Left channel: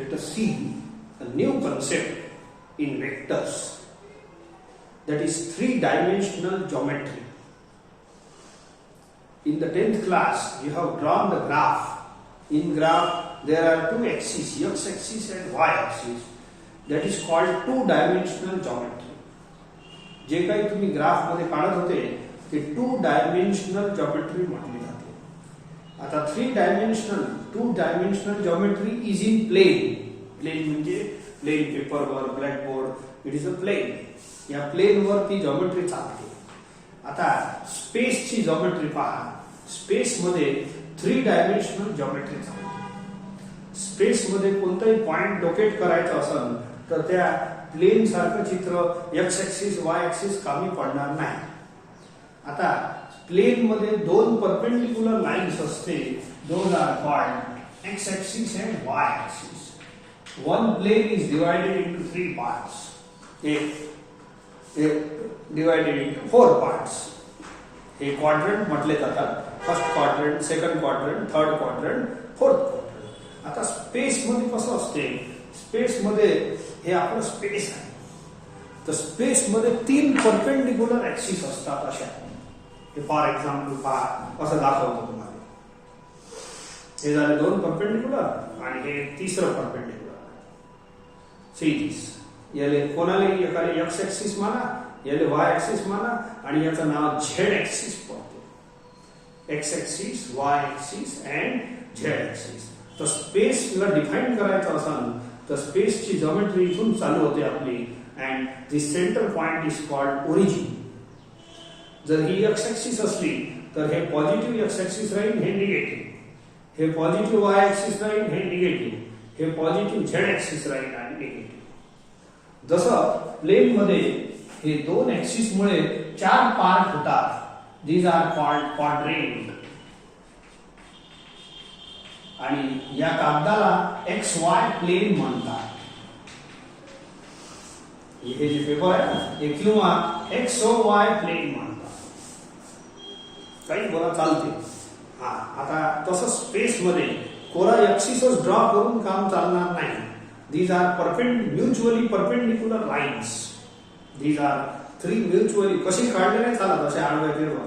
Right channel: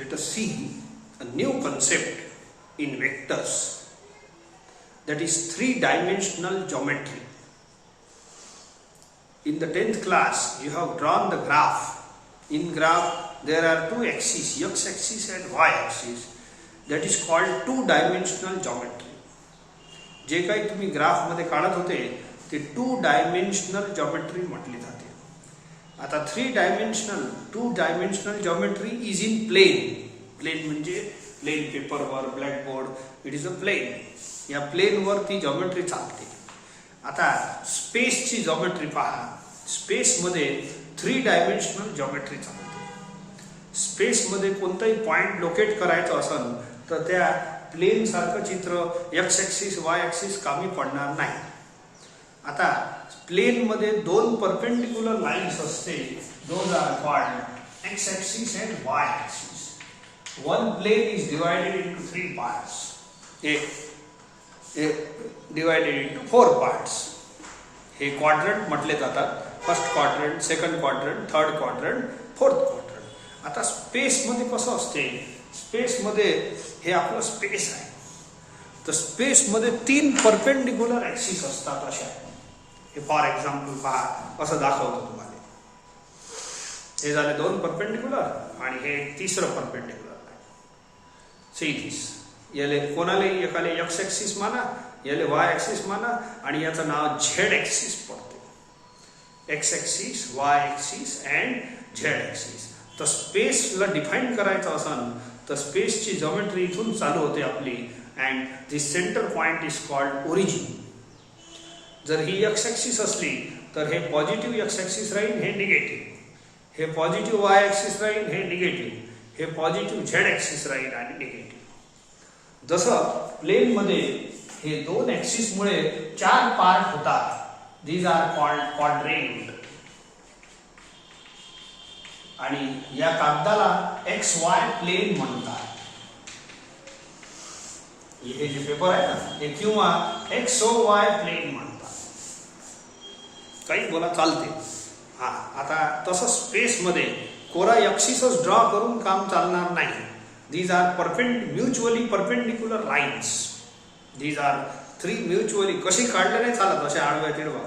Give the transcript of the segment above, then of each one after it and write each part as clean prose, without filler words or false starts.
let us see a new concept in vectors, that is three-dimensional geometry. In the 10th class, you have drawn the graph. In graph, there are two axes, x-axis and y-axis. That is called two-dimensional geometry. जे काही तुम्ही graph मध्ये काढत होते ते to dimensional geometry म्हटली जाते. आता two dimensional geometry is in plane. Plane म्हणजे प्लेन पेपरवर, blackboard, it is a plane. या प्लेनवर ती जॉमेट्री चालते. आता स्पेसची जॉमेट्री पहा. स्पेसमध्ये थ्री डायमेन्शनल जॉमेट्री चालते. स्पेसमध्ये कोणताही पॉइंट लोकेट करायचा असेल तर त्या प्लेन सारखं चित्र एक्स ऍक्सिस वाय ऍक्सिस कामी पडणार नाही. आता प्लेन मध्ये दोन परपेंडिक्युलर लाईन्स असते. Those are called X axis and Y axis. One plane is divided into three parts. Divided into four parts. हे क्वाड्रंट म्हटले जातात. First quadrant, second quadrant, third quadrant, fourth quadrant. आता space मध्ये कसं असते, space मध्ये हे आपलं स्पेस आहे. तर स्पेस मध्ये तीन परपेंडिक्युलर ऍक्सिस असतात. अशा हे फॉर एक्झाम्पल पहा, असं दाखवतो तुम्हाला. हे झाले दोन परपेंडिक्युलर आणि हे तिसरं परपेंडिक्युलर. See this. याले कोणाला एकाले एक्स ऍक्सिस माना, याले वाय ऍक्सिस माना आणि याचं नाव झेड ऍक्सिस पडतो. X axis, Y axis and Z axis. तर स्पेसला डिफाईन करायचं असेल तर स्पेसची जॉमेट्री इथून चालू होते आपली. And this centre point is called origin. जर ही एक्स ऍक्सिस असली तर हे पॉझिटिव्ह एक्स ऍक्सिस राहील, हे निगेटिव्ह. हे पॉझिटिव्ह वाय ऍक्सिस राहील, हे निगेटिव्ह. हे पॉझिटिव्ह झेड ऍक्सिस राहील आणि निगेटिव्ह. जसं प्लेन मध्ये हे दोन ऍक्सिस मुळे चार पार्ट होतात. These are called quadrant. आणि या कागदाला एक्स वाय प्लेन म्हणतात. हे जे पेपर आहे ना, हे किंवा एक्स ओ वाय प्लेन म्हणतात. काही बोला चालते. हा, आता तसं स्पेस मध्ये कोरा ऍक्सिसच ड्रॉ करून काम चालणार नाही. These are mutually perpendicular lines. These are three mutually कशी काढले नाही चालत. अशा आडव्या तिरवा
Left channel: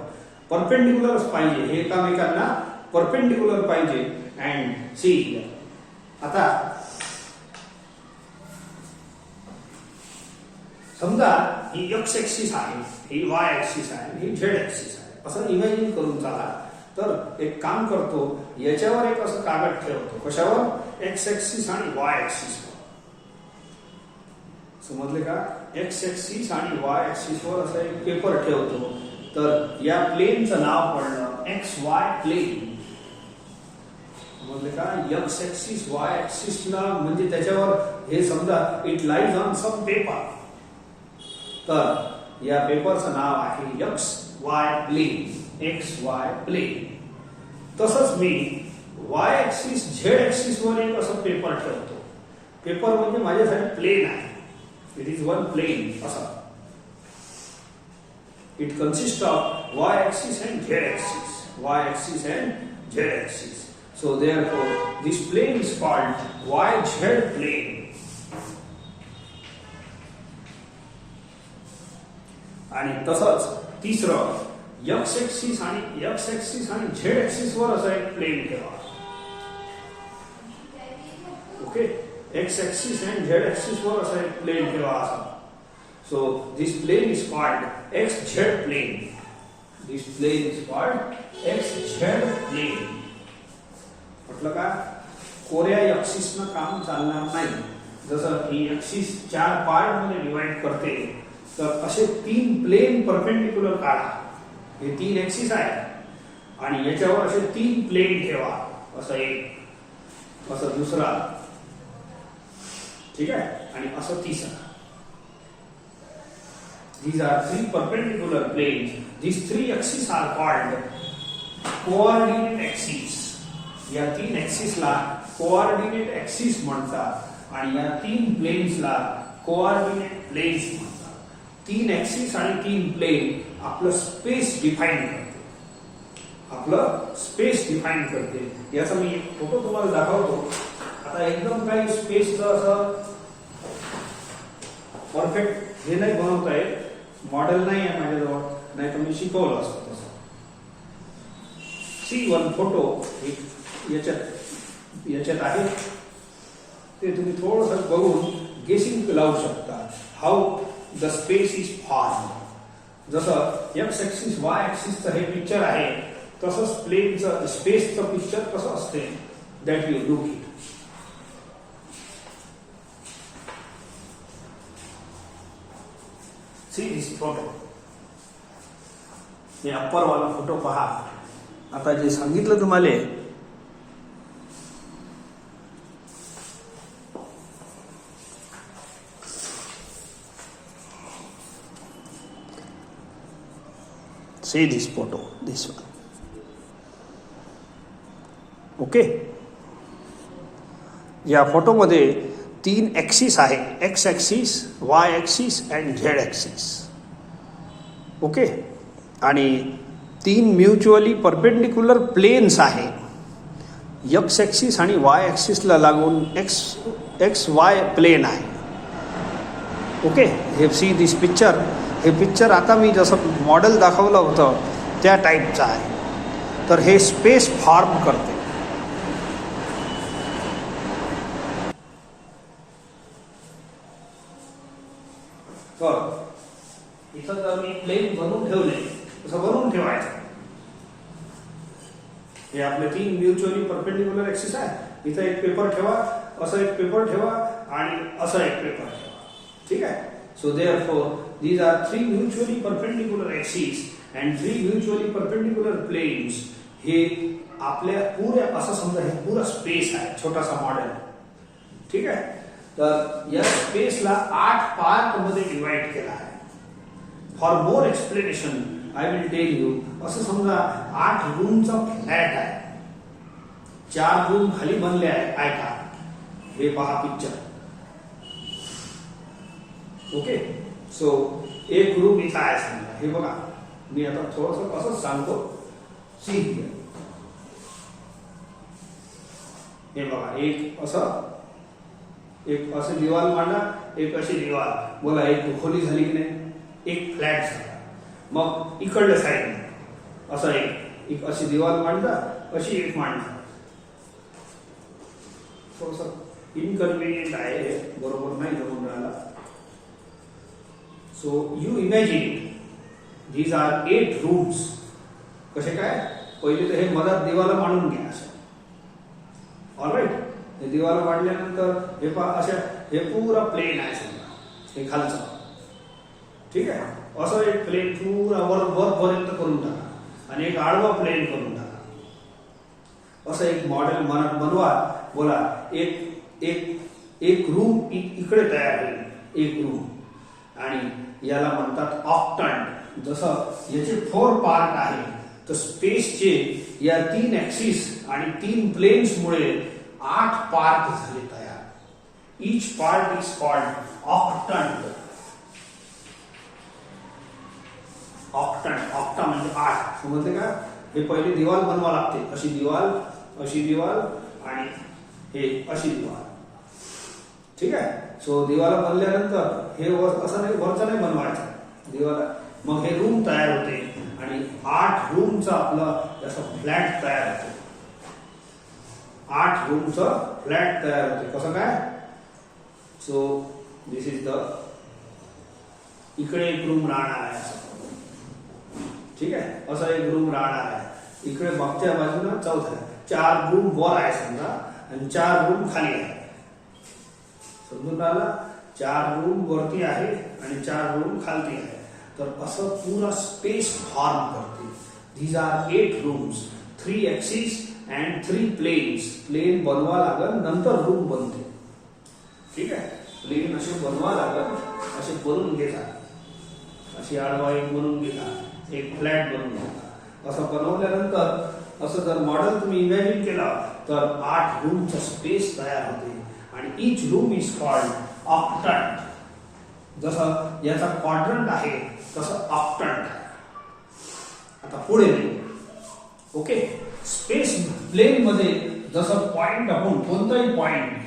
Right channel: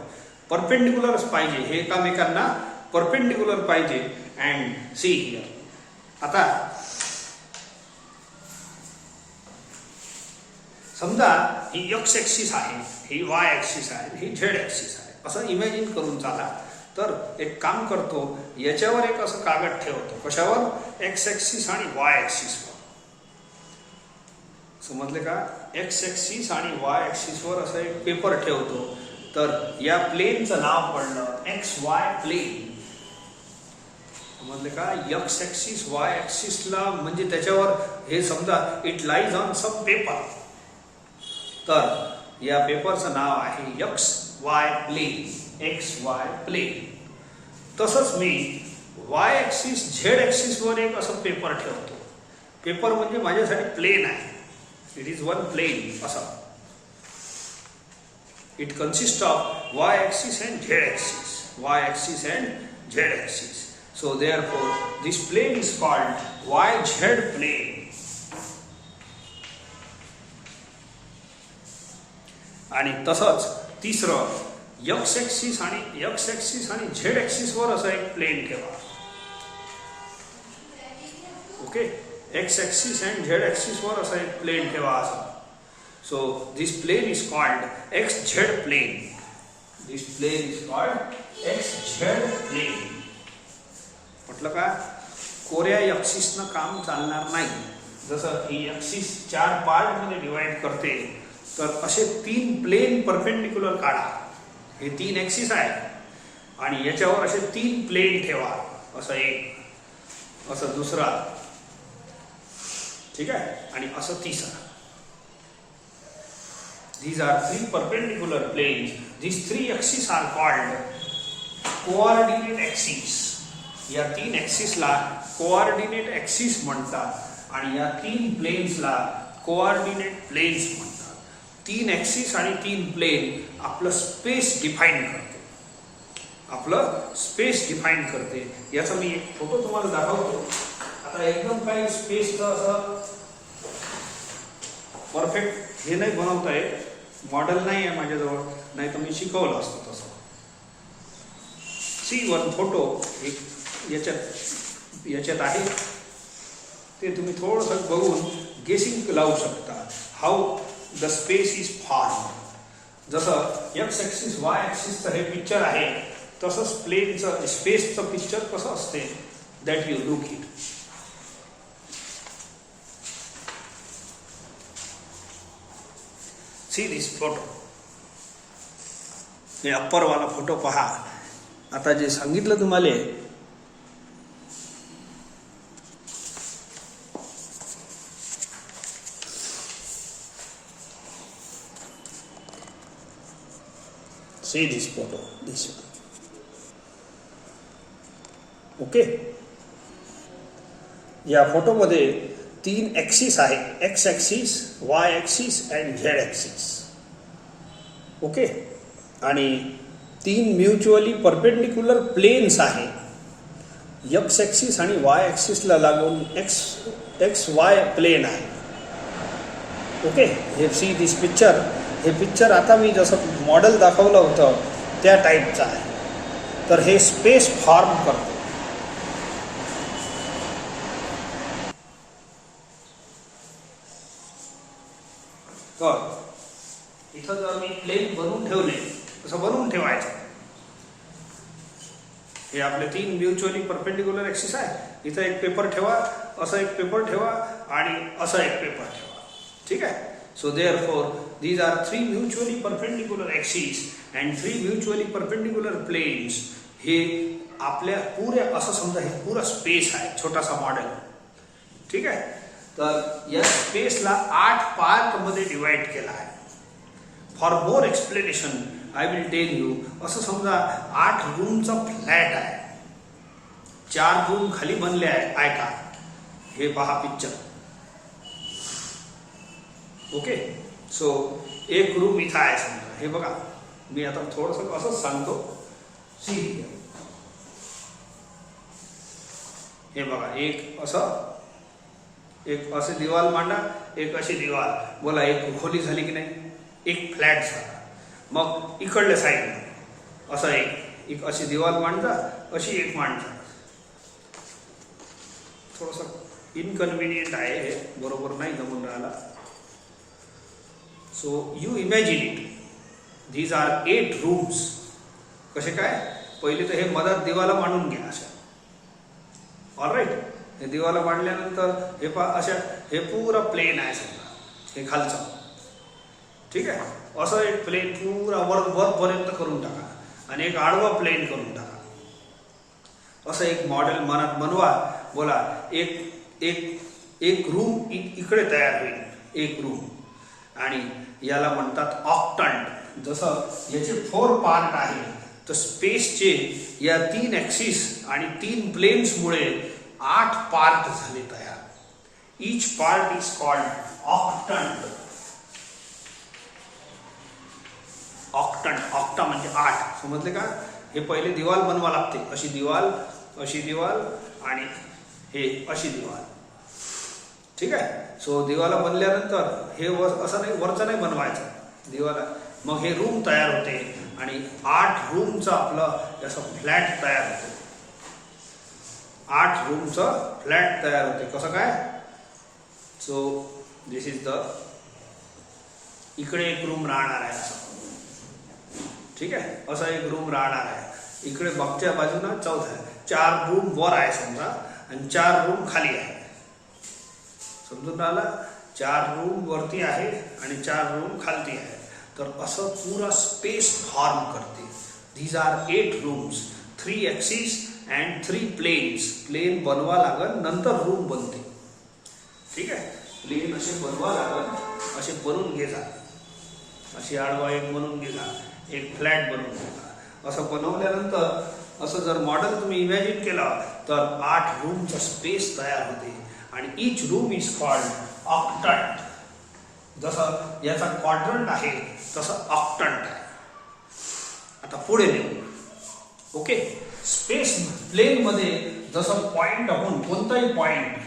परपेंडिक्युलरच पाहिजे. हे एकामेकांना परपेंडिक्युलर पाहिजे. अँड सी, आता समजा ही एक्स ऍक्सिस आहे, ही वाय ऍक्सिस आहे, ही झेड ऍक्सिस आहे. असं इमॅजिन करून चाला. तर एक काम करतो, याच्यावर एक असं कागद ठेवतो. कशावर? एक्स ऍक्सिस आणि वाय ऍक्सिस. समजले का? एक्स ऍक्सिस आणि वाय ऍक्सिस वर असं एक पेपर ठेवतो. तर या प्लेनचं नाव पडलं एक्स वाय प्लेन. समजले का? एक्स ऍक्सिस वाय ऍक्सिसला म्हणजे त्याच्यावर हे समजा it lies on some paper. तर या पेपरचं नाव आहे X Y plane. X Y plane. तसंच मी वाय ऍक्सिस झेड ऍक्सिस वर एक असं पेपर ठेवतो. पेपर म्हणजे माझ्यासाठी प्लेन आहे. It is one plane. असा it consist of Y axis and Z axis. Y axis and Z axis. So therefore this plane is called YZ plane. आणि तसंच तिसरं एक्स ऍक्सिस आणि झेड ऍक्सिस वर असं एक प्लेन ठेवा. Okay, X axis and Z axis वर असं एक प्लेन ठेवा असा. So this plane is called X Z plane. This plane is called X Z plane. म्हटलं का? कोऱ्या ऍक्सिसनं काम चालणार नाही. जसं ही ऍक्सिस चार पार्ट मध्ये डिवाइड करते तर असे तीन प्लेन परपेंडिक्युलर काढा. हे तीन ऍक्सिस आहे आणि याच्यावर असे तीन प्लेन ठेवा. असं एक, असं दुसरा, ठीक आहे, आणि असं तिसरा. These are three perpendicular planes. These three axes are called coordinate axes. या तीन ऍक्सिसला कोऑर्डिनेट ऍक्सिस म्हणतात आणि या तीन प्लेन्सला कोऑर्डिनेट प्लेन्स म्हणतात. तीन ऍक्सिस आणि तीन प्लेन आपलं स्पेस डिफाईन करते. आपलं स्पेस डिफाईन करते. याचा मी एक फोटो तुम्हाला दाखवतो. आता एकदम काही स्पेसचं असं परफेक्ट हे नाही बनवता येत, मॉडेल नाही आहे माझ्याजवळ, नाही तर मी शिकवलं असतं तसं. सी वन फोटो याच्यात आहे, ते तुम्ही थोडंसं बघून गेसिंग लावू शकता. How the space is form. जसं एक्स ॲक्सिस वाय ॲक्सिसचं हे पिक्चर आहे, तसंच प्लेनचं स्पेसचं पिक्चर कसं असते, that you look it. See this photo. हे अप्परवाला फोटो पहा. आता जे सांगितलं तुम्हाला, see this photo, this one. Okay. या फोटोमध्ये 3 ॲक्सिस आहे, x axis, Y axis and Z axis. Okay. आणि 3 म्युच्युअली परपेंडिक्युलर प्लेन्स आहे. एक्स ॲक्सिस आणि वाय ॲक्सिसला लागून एक्स वाय प्लेन आहे. ओके. हे सी दिस पिक्चर. हे पिक्चर आता मी जसं मॉडेल दाखवलं होतं त्या टाईपचं आहे. तर हे स्पेस फॉर्म करते. तर इथं जर मी प्लेन बनवून ठेवले, तसं बनवून ठेवायचं. हे आपले 3 म्युच्युअली परपेंडिक्युलर ॲक्सिस आहे. इथं एक पेपर ठेवा, असं एक पेपर ठेवा आणि असं एक पेपर ठेवा. ठीक आहे. So therefore, these are 3 mutually perpendicular axes and 3 mutually perpendicular planes. हे आपल्या पुऱ्या असं समजा हे पुरा स्पेस आहे, छोटासा मॉडेल. ठीक आहे. तर या स्पेसला 8 पार्ट मध्ये डिवाइड केला आहे. For more explanation I will tell you. असं समजा 8 रूमचा फ्लॅट आहे. 4 रूम खाली बनले आहेत. ऐका, हे पहा पिक्चर. ओके. सो एक रूम इथं आहे समजा. हे बघा, मी आता थोडंसं असंच सांगतो. See here. हे बघा, एक असं दिवाल मांडा, एक अशी दिवाल. बोला, एक खोली झाली की नाही, एक फ्लॅट झाला. मग इकडल्या साईडने असं एक अशी दिवाल मांडता, अशी एक मांडता. थोडंसं इनकन्व्हिनियंट आहे हे, बरोबर नाही जमून राहिला. So you imagine these are 8 rooms. कसे काय? पहिले तर हे मधात दिवाला मांडून घ्या असं. ऑलराईट. हे दिवाला मांडल्यानंतर हे पहा, अशा हे पुरा प्लेन आहे समजा, हे खालचं. ठीक आहे. असं एक प्लेन पुरा वरपर्यंत करून टाका आणि एक आडवा प्लेन करून टाका. असं एक मॉडेल बनवा. बोला, एक रूम इकडे तयार होईल, एक रूम. आणि याला म्हणतात ऑक्टंट. जसं याचे 4 पार्ट आहे, तर स्पेसचे या 3 ॲक्सिस आणि 3 प्लेन्समुळे 8 पार्ट झाले तयार. Each part is called octant. Octa म्हणजे 8. समजले का? हे पहिले दिवाल बनवा लागते. अशी दिवाल आणि हे अशी दिवाल. ठीक आहे. सो दिवाला बनल्यानंतर हे असं नाही, वरचं नाही बनवायचं दिवाला. मग हे रूम तयार होते आणि 8 रूमचा आपलं असं फ्लॅट तयार होतो. 8 रूमचं फ्लॅट तयार होते. कसं काय? सो दिस इज द, इकडे एक रूम राहणार आहे असं. ठीक आहे. असा एक रूम राहणार आहे. इकडे मागच्या बाजूला 4 रूम वर आहे समजा आणि 4 रूम खाली आहे. समजून राहिला? 4 रूम वरती आहे आणि 4 रूम खालती आहे. तर असं पुरा स्पेस फॉर्म करते. these are 8 rooms, 3 axes and 3 planes. Plain बनवा लागल, नंतर रूम बनते. ठीक आहे. प्लेन असे बनवा लागल, असे बनवून घेता. अशी आडवा एक बनवून घेता, एक फ्लॅट बनवून घेता. असं बनवल्यानंतर असं जर मॉडेल तुम्ही इमॅजिन केला तर 8 रूमचा स्पेस तयार होते आणि each room is called octant. जसं याचा क्वाड्रंट आहे तसं ऑक्टंट. आता पुढे ओके. स्पेस प्लेन मध्ये जसं पॉइंट आपण कोणताही point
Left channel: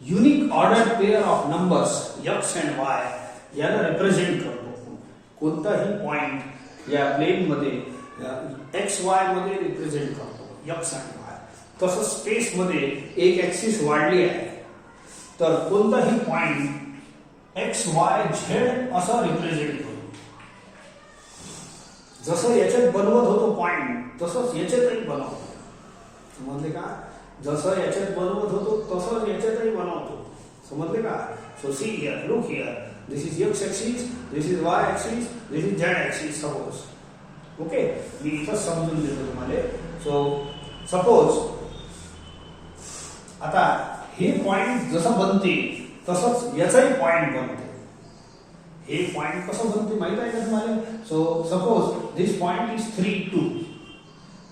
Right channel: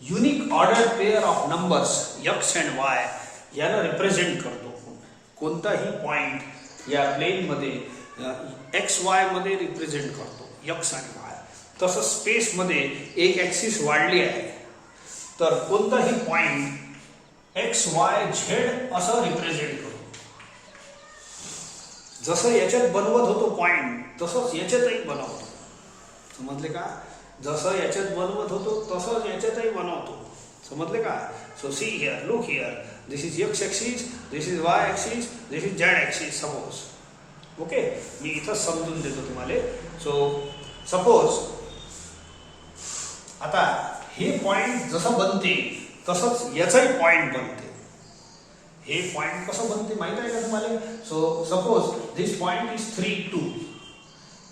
unique order pair of numbers x and Y याला रिप्रेझेंट करतो. कोणताही पॉइंट या प्लेन मध्ये एक्स वाय मध्ये रिप्रेझेंट करतो एक्स अँड वाय. तसं स्पेस मध्ये एक ऍक्सिस वाढली आहे तर कोणताही पॉइंट एक्स वाय झेड असं रिप्रेझेंट करतो. जसं याच्यात बनवत होतो पॉइंट तसंच याच्यातही बनवतो. समजले का? जसं याच्यात बनवत होतो तसंच याच्यातही बनवतो. समजले का? So see here, look here, this is X axis, this is Y axis, this is Z axis. Suppose okay, मी इथं समजून देतो तुम्हाला. सो सपोज आता हे पॉइंट जसं बनते तसंच याचाही पॉइंट बनते. हे पॉइंट कसं बनते माहित आहे का तुम्हाला? So suppose this point is 3, 2.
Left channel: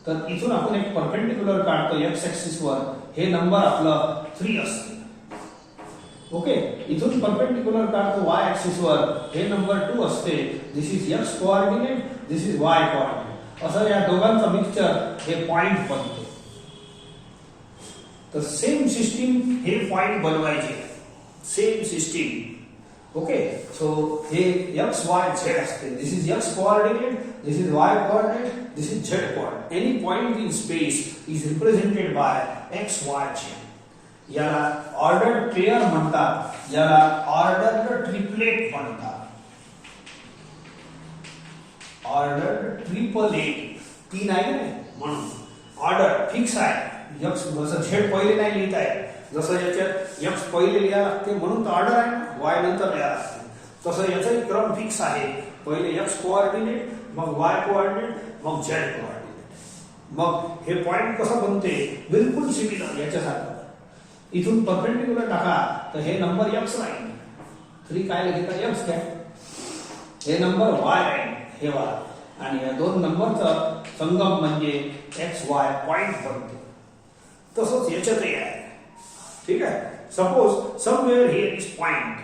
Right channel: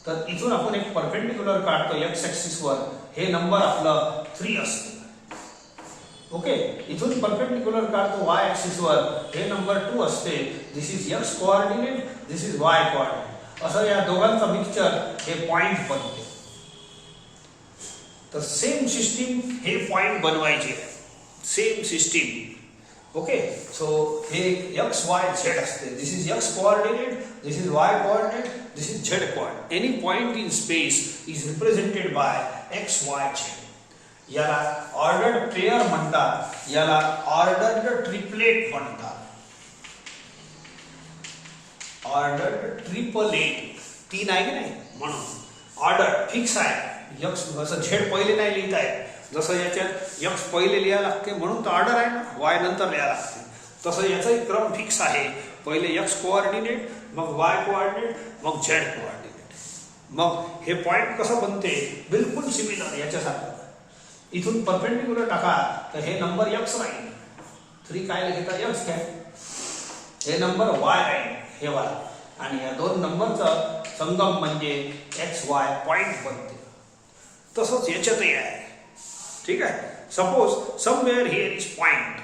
तर इथून आपण एक परपेंडिक्युलर काढतो एक्स ऍक्सिस वर. हे नंबर आपलं 3 असते. ओके, इथून परपेंडिक्युलर काढतो वाय ऍक्सिस वर. हे नंबर 2 असते. This is X coordinate, this is Y coordinate. असं या दोघांचा मिक्सचर हे पॉइंट बनते. तर सेम सिस्टीम हे पॉइंट बनवायचे. Same system. ओके, सो हे एक्स वाय झेड असते. This is X coordinate, this is Y coordinate, this is Z coordinate. Any point in space is represented by X Y Z. याला ordered pair म्हणतात, याला ordered triplet म्हणतात. Ordered triplet 3 आहे की नाही म्हणून order fix आहे. एक्स जसं झेड पहिले नाही लिहित आहे, जसं याच्यात एक्स पहिले लिहायला लागते म्हणून तर ऑर्डर आहे ना, वाय नंतर लिहायला लागते. तसं याचाही क्रम फिक्स आहे. पहिले एक्स कोऑर्डिनेट, मग वाय कोऑर्डिनेट, मग झेड कोऑर्डिनेट. मग हे पॉइंट कसं बनते बिलकुल सिमिलर याच्यासारखं. इथून परपेंडिक्युलर टाका तर हे नंबर एक्स राहील. 3 काय लिहिता एक्स काय, हे नंबर वाय राहील हे वाला. आणि या दोन नंबरचा संगम म्हणजे एक्स वाय पॉइंट बनते. तसंच याच्यातही आहे. ठीक आहे. Suppose somewhere here is point,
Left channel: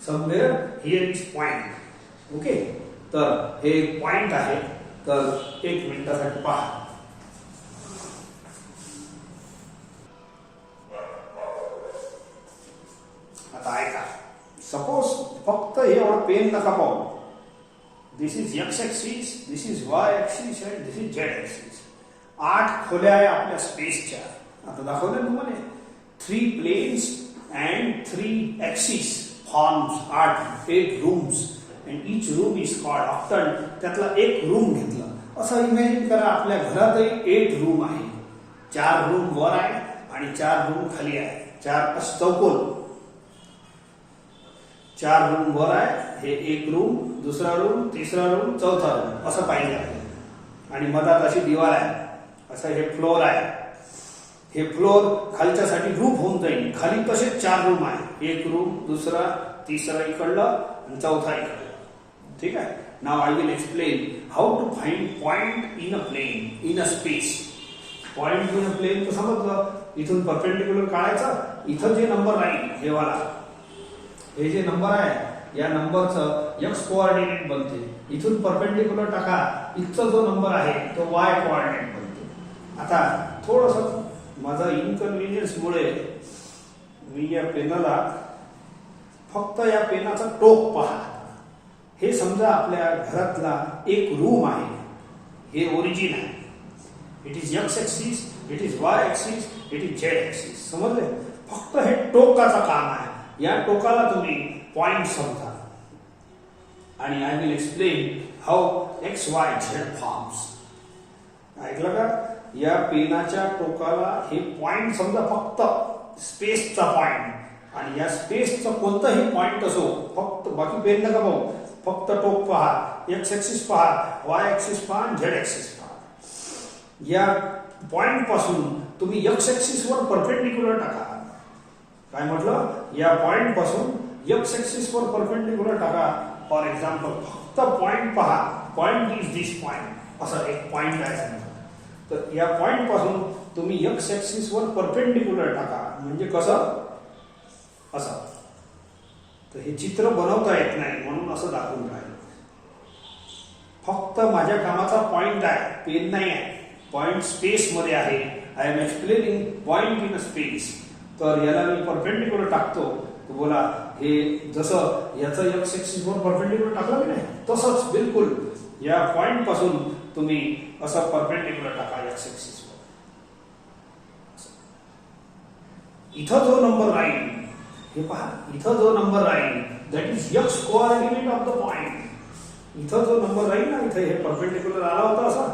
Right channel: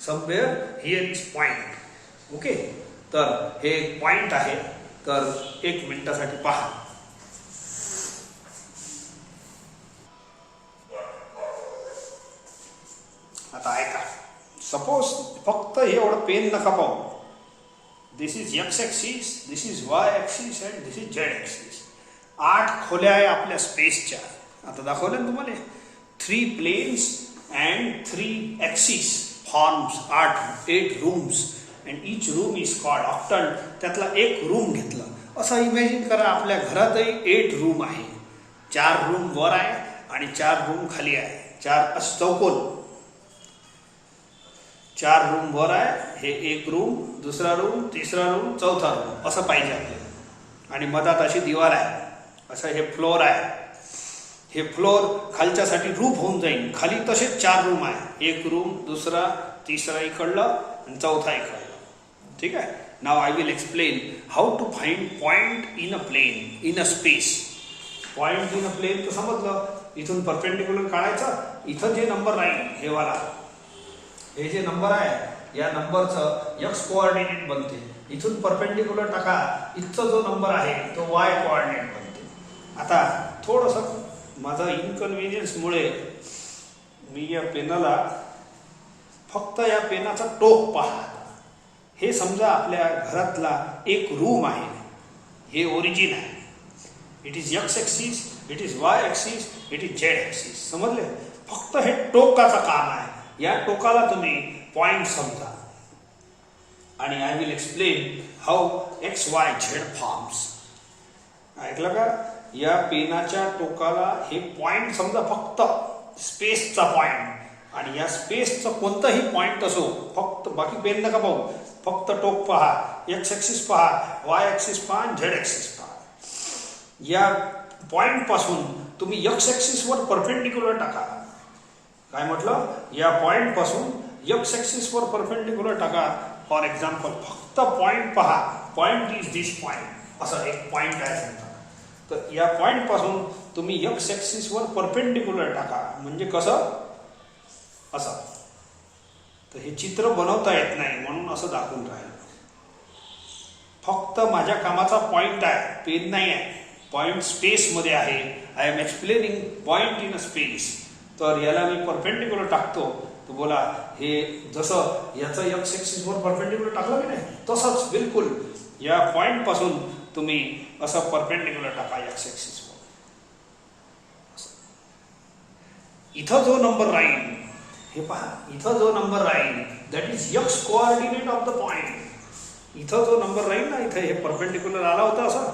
somewhere here is point. Okay, तर हे पॉइंट आहे. तर 1 मिनिटासाठी पहा. आता ऐका. सपोज फक्त एवढा पेन नका पाहू. This is X axis, this is Y axis and this is Z axis. 8 खोल्या आहे आपल्या स्पेसच्या. आता दाखवलं तुम्हाला 3 planes and 3 axes forms 8 rooms and each room is called octant. त्यातला एक रूम घेतला. असं इमॅजिन करा आपल्या घरातही 8 रूम आहे. 4 रूम वर आहे आणि 4 रूम खाली आहे. 4 चौकोन. 4 रूम वर आहे. हे एक रूम, दुसरा रूम, तिसरा रूम, चौथा रूम असं पाहिजे आहे. आणि मधात अशी दिवार आहे. असं हे फ्लोर आहे. हे फ्लोर खालच्यासाठी रूफ होऊन जाईल. खाली तसेच 4 रूम आहे. एक रूम, दुसरा, तिसरा इकडलं आणि चौथा इकडलं. ठीक आहे. Now I will explain how to find point in a plane, in a space. Point in a plane तर समजलं. इथून परपेंडिक्युलर काढायचा. इथं जे नंबर राहील हे वाला, हे जे नंबर आहे या नंबरचं एक्स कोऑर्डिनेट बनते. इथून परपेंडिक्युलर टाका. इथचा जो नंबर आहे तो वाय कोऑर्डिनेट बनते. आता थोडंसं माझा इनकन्व्हिनियन्समुळे मी या पेनाला फक्त या पेनाचा टोक पहा. हे समजा आपल्या घरातला एक रूम आहे. हे ओरिजिन आहे. It is X axis, it is Y axis, it is Z axis. समजले? फक्त हे टोकाचं काम आहे. या टोकाला तुम्ही पॉइंट समजा. आणि I will explain how x Y Z forms. ऐकलं का? या पेनाच्या टोकाला हे पॉइंट समजा फक्त स्पेसचा पॉइंट. आणि या स्पेसचा कोणताही पॉइंट असो, फक्त बाकी पेन नका पाहू. फक्त टोक पहा. एक्स ऍक्सिस पहा, वाय ऍक्सिस पहा, झेड ऍक्सिस पहा. या पॉइंट पासून तुम्ही एक्स ऍक्सिस वर परपेंडिक्युलर टाका. काय म्हटलं? या पॉइंट पासून एक्स ऍक्सिस वर परपेंडिक्युलर टाका. फॉर एक्झाम्पल फक्त पॉइंट पहा. Point is this point. असा एक पॉइंट आहे. तर या पॉइंट पासून तुम्ही एक्स ऍक्सिस वर परपेंडिक्युलर टाका. म्हणजे कसं? असं. तर हे चित्र बनवता येत नाही म्हणून असं दाखवून राहिलं. फक्त माझ्या कामाचा पॉइंट आहे, पेन नाही आहे. पॉइंट स्पेस मध्ये आहे I am explaining point in a space. तर याला मी परपेंडिक्युलर टाकतो. तर बोला हे जसं याचं एक्स ऍक्सिस वर परपेंडिक्युलर टाकलं की नाही तसंच बिलकुल या पॉइंट पासून तुम्ही असं परपेंडिक्युलर टाका एक्स ऍक्सिस वर. इथं जो नंबर राहील हे पहा, इथं जो नंबर राहील that is X coordinate of the point. इथं जो नंबर राहील ना, इथे हे परपेंडिक्युलर आला होता असा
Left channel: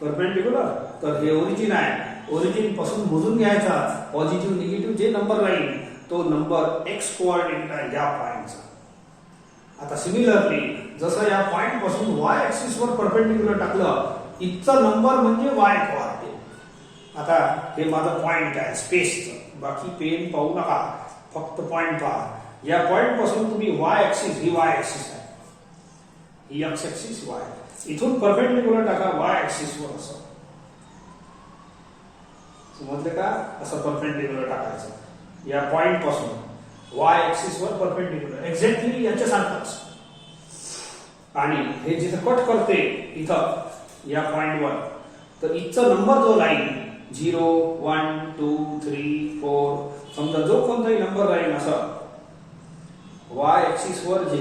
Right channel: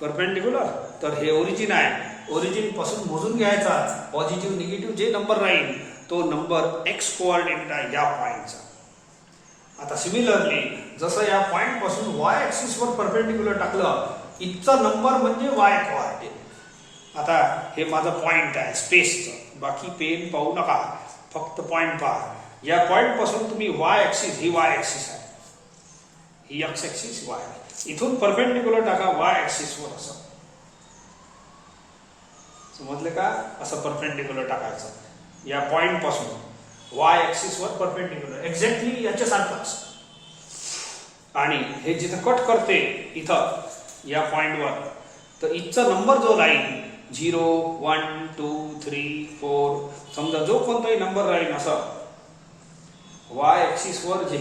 परपेंडिक्युलर, तर हे ओरिजिन आहे. ओरिजिन पासून मोजून घ्यायचा पॉझिटिव्ह निगेटिव्ह जे नंबर राहील तो नंबर एक्स कोऑर्डिनेट आहे या पॉइंटचा. आता सिमिलरली जसं या पॉइंट पासून वाय ऍक्सिस वर परपेंडिक्युलर टाकलं इथचा नंबर म्हणजे वाय कोऑर्डिनेट. आता हे माझं पॉइंट आहे स्पेसचं, बाकी पेन पाहू नका, फक्त पॉइंट पहा. या पॉइंट पासून तुम्ही वाय ऍक्सिस, ही वाय ऍक्सिस आहे, ही एक्स ऍक्सिस वाय, इथून परपेंडिक्युलर टाका वाय ऍक्सिस वर. असं समजलं का? असं परपेंडिक्युलर टाकायचं या पॉइंट पासून वाय ऍक्सिस वर परपेंडिक्युलर एक्झॅक्टली याच्यासारखंच. आणि हे जिथं कट करते इथं या पॉइंटवर, तर इथचा नंबर जो राहील 0 1 2 3 4 समजा जो कोणताही नंबर राहील असं वाय ऍक्सिस वर जे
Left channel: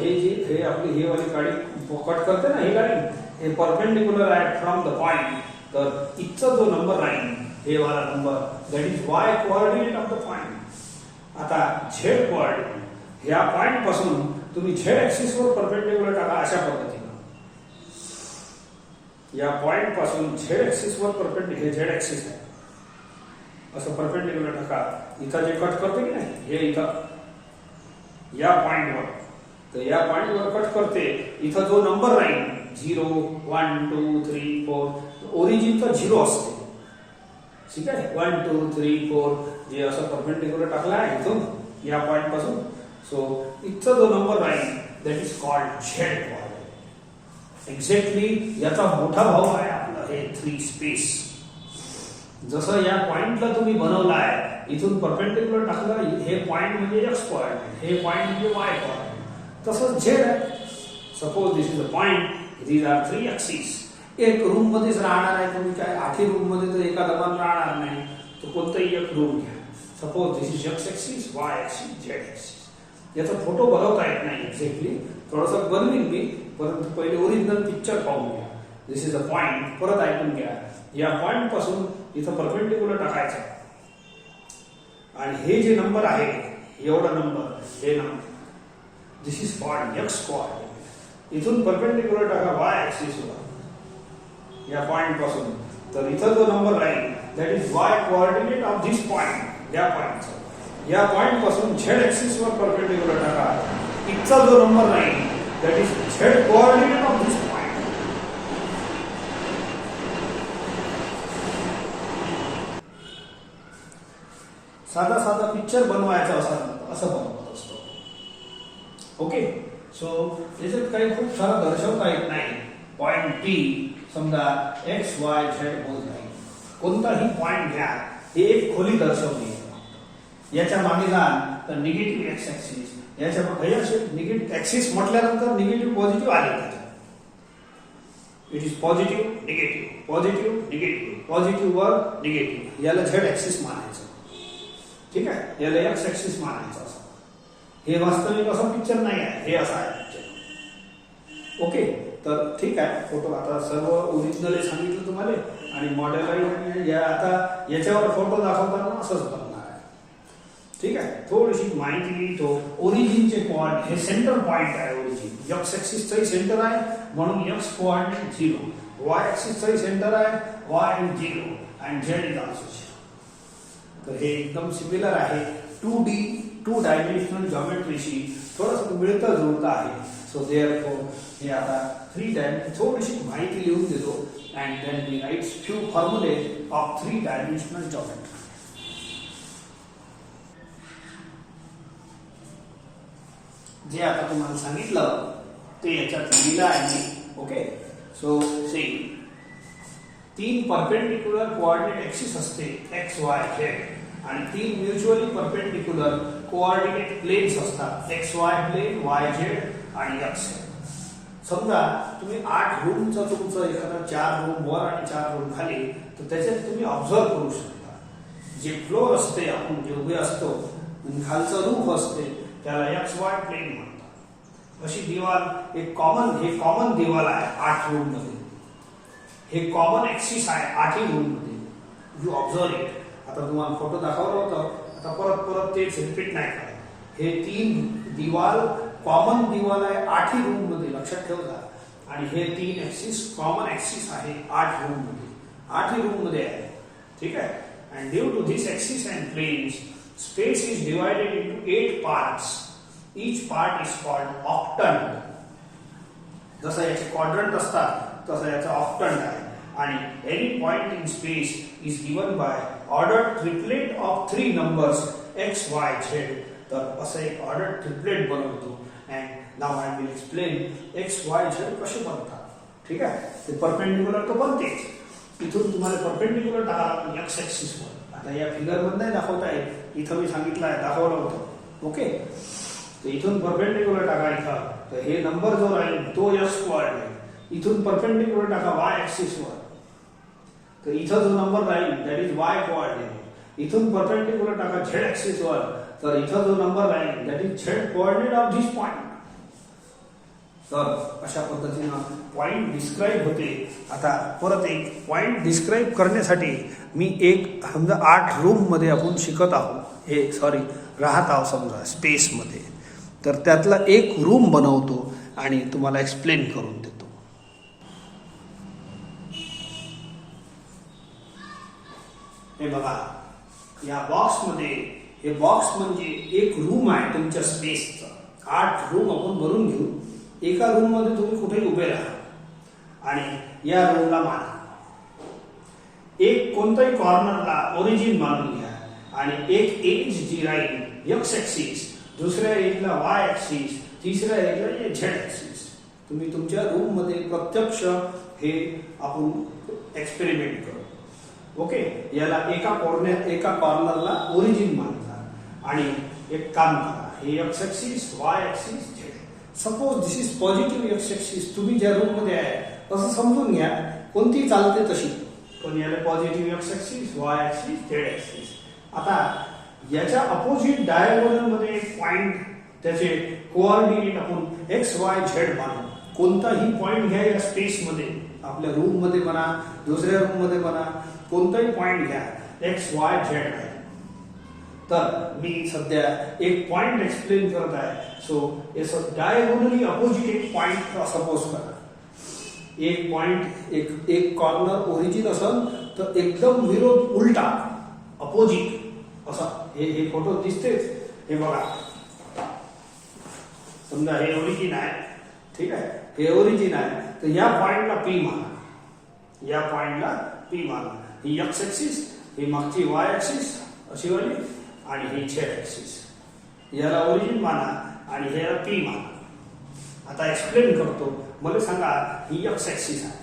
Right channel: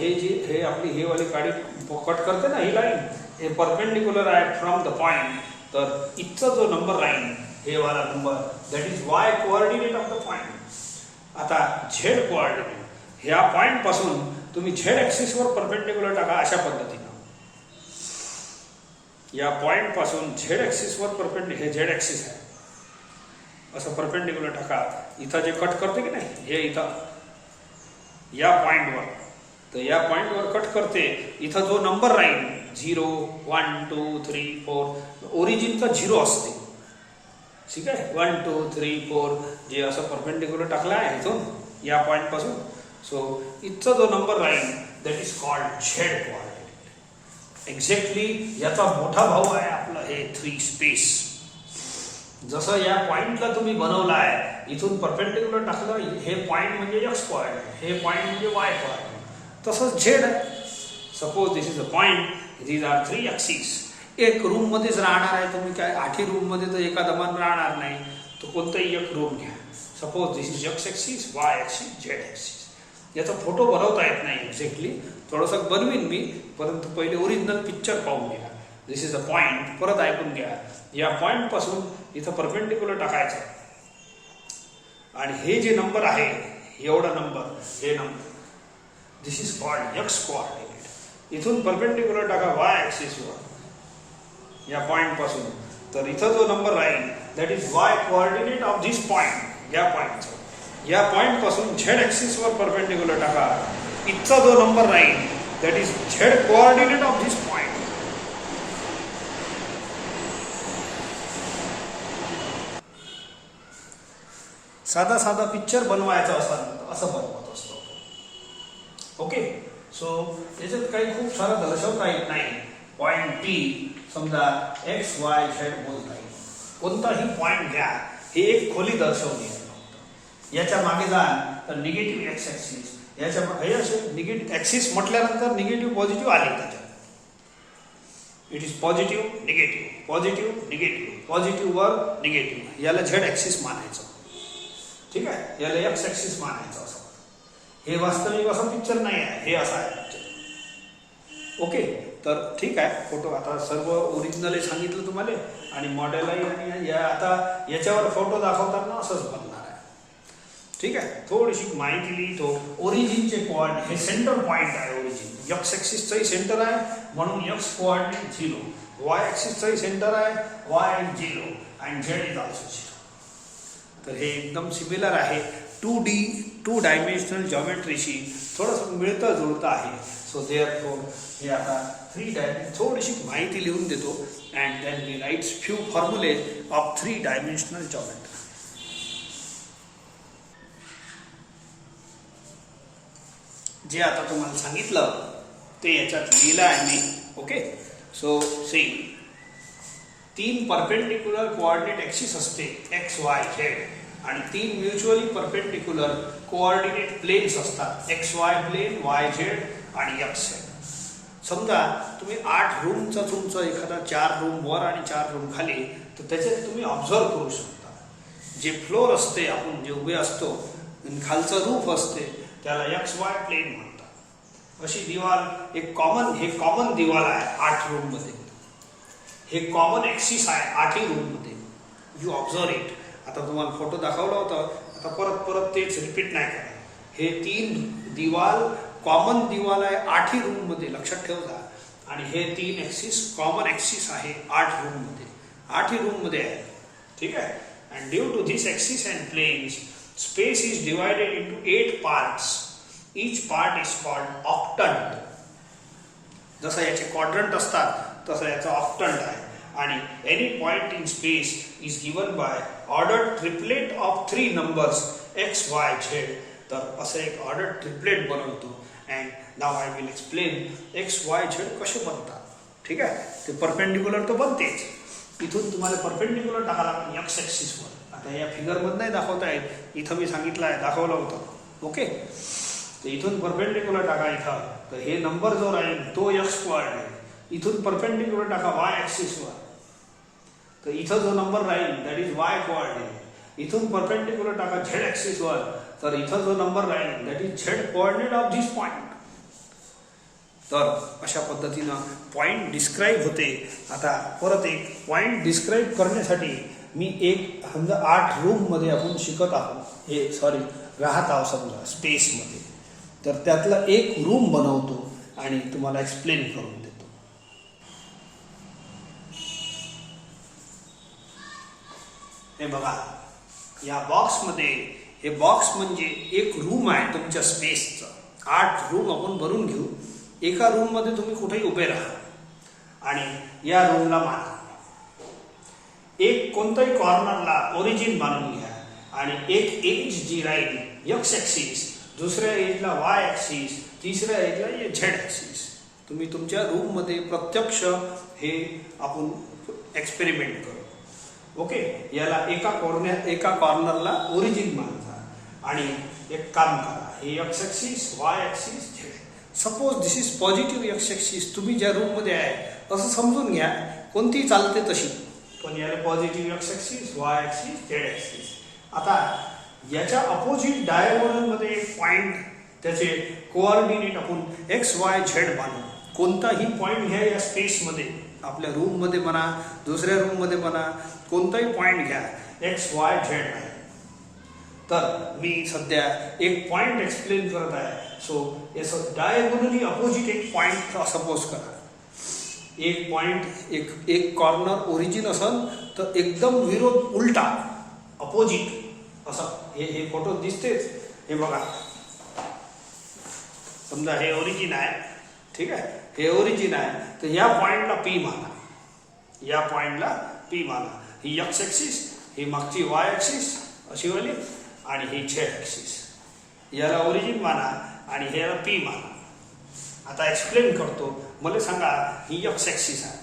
हे आपली हे वाली गाडी कट करते ना, ही लाईन हे परपेंडिक्युलर आहे फ्रॉम द पॉइंट. तर इथचा जो नंबर राहील हे वाला number that is Y coordinate of the point. आता झेड कोऑर्डिनेट ह्या पॉइंट पासून तुम्ही झेड ऍक्सिस वर परपेंडिक्युलर टाका अशा पद्धतीने. या पॉइंट पासून झेड ऍक्सिस वर परपेंडिक्युलर, हे झेड ऍक्सिस आहे, असं परपेंडिक्युलर टाका. इथं जे कट करते की नाही हे इथं या पॉइंटवर, तर या पॉइंटवर कट करते. इथं जो नंबर राहील 0 1 2 3 4 ओरिजिनचा 0 असते. ठीक आहे, 1 2 3 4 जे असं परपेंडिक्युलर टाकला आहे इथून या पॉइंट पासून. सो इथचा जो नंबर राहील that is called Z coordinate. Exactly याचा मोठा भाऊ आहे आपलं हे 3 स्पेस. जसं या पॉइंटला तुम्ही बनवला आहे, इथून परपेंडिक्युलर टाकलं, हे पॉइंट म्हणजे एक्स कोऑर्डिनेट, हे पॉइंट म्हणजे वाय कोऑर्डिनेट, तसंच झेड आहे. Suppose this is a point, these are 3 axis. एक रूम मध्येच राहणार आहे तुम्ही, काय 8 रूम मध्ये तर एका दमान राहणार नाही, तो कोणताही एक रूम घ्या. Suppose this is X axis, Y axis, Z axis. याचा फोटो बनवता येत नाही एक्झॅक्टली, थोडंसं बनवीन मी, परंतु पहिले ओरिजिनल पिक्चर पाहून घ्या. दिस इज अ पॉइंट, परत ऐकून घ्या. या पॉइंट पासून इथं परपेंडिक्युलर टाकायचं आणि हे जे नंबर आहे एवढा नंबर, हे number this is called x coordinate. इथून परपेंडिक्युलर टाका वाय ऍक्सिस वर या पॉइंट पासून, तर इथं जो नंबर राहील that is Y coordinate of this point. या पॉइंटचा या पॉइंट पासून झेड ऍक्सिस वर परपेंडिक्युलर टाका. इथचा जो नंबर राहील that is Z coordinate of this point. साधा साधा पिक्चर बनवायचा असं बनवत असतो. ओके, सो याच्यात काही खूप सारं दर्शवता येत नाही. पॉइंट पी समजा एक्स वाय झेड बोलता येईल, कोणताही पॉइंट घ्या, हे एक खोली दर्शवली. याच्या मागे जा तर निगेटिव्ह एक्स ऍक्सिस, याच्या निगेटिव्ह ऍक्सिस म्हटल्यानंतर निगेटिव्ह पॉझिटिव्ह आले जाते. It is positive negative, positive negative, positive वर निगेटिव्ह, याला झेड ऍक्सिस मानायचं. ठीक आहे, याला एक्स ऍक्सिस मानायचं. असं हे वास्तविक असं पिक्चर नाही आहे, हे असं आहे पिक्चर. ओके, तर ठीक आहे. फोटो आता सर्व ओरिजिनल सांगितलं तुम्हाला आणि मॉडेलही या आता याच्यावर फोटो दाखवताना असंच बनणार आहे. ठीक आहे, थोडीशी माहिती लिहितो. ओरिजिनचे कोऑर्डिनेट, हे सेंटर पॉइंट आहे ओरिजिन. एक्स ऍक्सिसचंही सेंटर आहे म्हणून एक्स कोऑर्डिनेट 0, वाय ऍक्सिसचंही सेंटर आहे, Y is 0 and Z is also 0. तर हे एकदम सिमिलर आहे 2D 2 डायमेन्शनल जॉमेट्रीशी थोडंसं मिळतं जुळतं आहे. सो देअरफॉर हे आता 3 डायमेन्शन थोडीशी माहिती लिहून देतो and then we rights few फॉर्म्युले ऑफ 3 डायमेन्शनल जॉमेट्री. जे आता तुम्हाला सांगितलं ते याच्यात लिहिलं आहे मी. Okay, so see 3 perpendicular coordinate axis असते एक्स वाय झेड आणि 3 म्युच्युअली परपेंडिक्युलर कोऑर्डिनेट प्लेन्स असतात X Y plane, Y Z आणि एक्स. समजा तुम्ही 8 रूमचा तुमचं एखादा 4 रूम वर आणि 4 रूम खाली, तर त्याच्यात तुम्ही ऑब्झर्व करू शकता. जे फ्लोर असते, आपण जे उभे असतो, खालचं रूफ असते, त्याला XY प्लेन म्हणतात. अशी दिवाल एक कॉमन दिवाल आहे 8 रूम मध्ये. हे कॉमन ऍक्सिस आहे 8 रूम मध्ये. You observe it. आता तुम्हाला फोटो दाखवला होता, आता परत तेच रिपीट नाही करा. हे 3 दिवाल कॉमन दिवाल आहे 8 रूम मध्ये, लक्षात ठेवा. आणि हे 3 ऍक्सिस कॉमन ऍक्सिस आहे 8 रूम मध्ये. 8 रूम मध्ये आहे, ठीक आहे. And due to this axis and planes, space is divided into 8 parts. Each part is called octant. जसं याचे क्वाड्रंट असतात तसं याचा ऑक्टंट आहे. आणि any point in space is given by order triplet of 3 numbers x, y, z. तर असं एक ऑर्डर ट्रिपलेट बनवतो. And now I will explain x, y, z कसे बनतात, ठीक आहे. ते परपेंडिक्युलर तर बनतेच. इथून तुम्हाला परपेंडिक्युलर टाकायला x ऍक्सिस वर. आता या फिगर मध्ये नाही दाखवता येत, इथं मी सांगितलं आहे, दाखवलं होतं, ओके. तर इथून परपेंडिक्युलर टाका इथं, तर हे नंबर जो राहील तो x कोऑर्डिनेट. इथून परपेंडिक्युलर टाका y ऍक्सिस वर, तर इथं जो नंबर राहील दॅट इज y कोऑर्डिनेट. इथून परपेंडिक्युलर टाका z ऍक्सिस वर, तर इथं जो नंबर राहील that is z coordinate of this point. तर अशा पद्धतीनं पॉइंट डिस्क्राईब होते. आता परत एक पॉइंट डिस्क्राईब करण्यासाठी मी एक समजा 8 रूम मध्ये आपण शिकत आहोत, राहत आहोत समजा स्पेस मध्ये, तर त्यातला एक रूम बनवतो आणि तुम्हाला एक्सप्लेन करून देतो. हे बघा, या बॉक्स मध्ये, हे बॉक्स म्हणजे एक रूम आहे तुमच्या स्पेसचा. 8 रूम आपण भरून घेऊ. एका रूम मध्ये तुम्ही कुठेही उभे राहा आणि या रूमला माना. एक कोणत्याही कॉर्नरला ओरिजिन मानून घ्या आणि एक एज जी राहील x ऍक्सिस, दुसऱ्या एजला y ऍक्सिस, तिसऱ्या एजला z ऍक्सिस. तुम्ही तुमच्या रूम मध्ये प्रत्यक्ष हे आपण एक्सपेरिमेंट करू, ओके. याला एका कॉर्नरला ओरिजिन मानता आणि एक काम करा, हे x axis, y axis, z. Suppose this is positive x axis. तुम्ही ज्या रूम मध्ये आहे असं समजून घ्या, कोणती चालते तशी, पण याला positive x axis, y axis, z axis. आता याच्या अपोजिट डायगोनल मध्ये एक पॉइंट, त्याचे कोऑर्डिनेट आपण x, y, z मानू. कोणताही पॉइंट घ्या या स्पेस मध्ये, आपल्या रूम मध्ये म्हणा, दुसऱ्या रूम मध्ये म्हणा, कोणताही पॉइंट घ्या, x, y, z आहे. तर मी सध्या एक पॉइंट एक्सप्लेन करत आहे. सो याचं डायगोनली अपोजिट एक पॉइंट सपोज करा. एक पॉइंट, एक कॉर्नर ओरिजिन असेल तर एकदम विरोध, उलटा, अपोजिट असा. हे फोटो दिसतेच. हे बघा, समजा हे ओरिजिन आहे, ठीक आहे. हे ओरिजिन आहे, तर या पॉइंटला P माना. या पॉइंटला P माना. ही x ऍक्सिस, ही मागची y ऍक्सिस अशी वाली, आणि ही z ऍक्सिस. याला ओरिजिन माना आणि हे याला P माना. आता एक्सप्लेन करतो. मला सांगा, ही x ऍक्सिस आहे,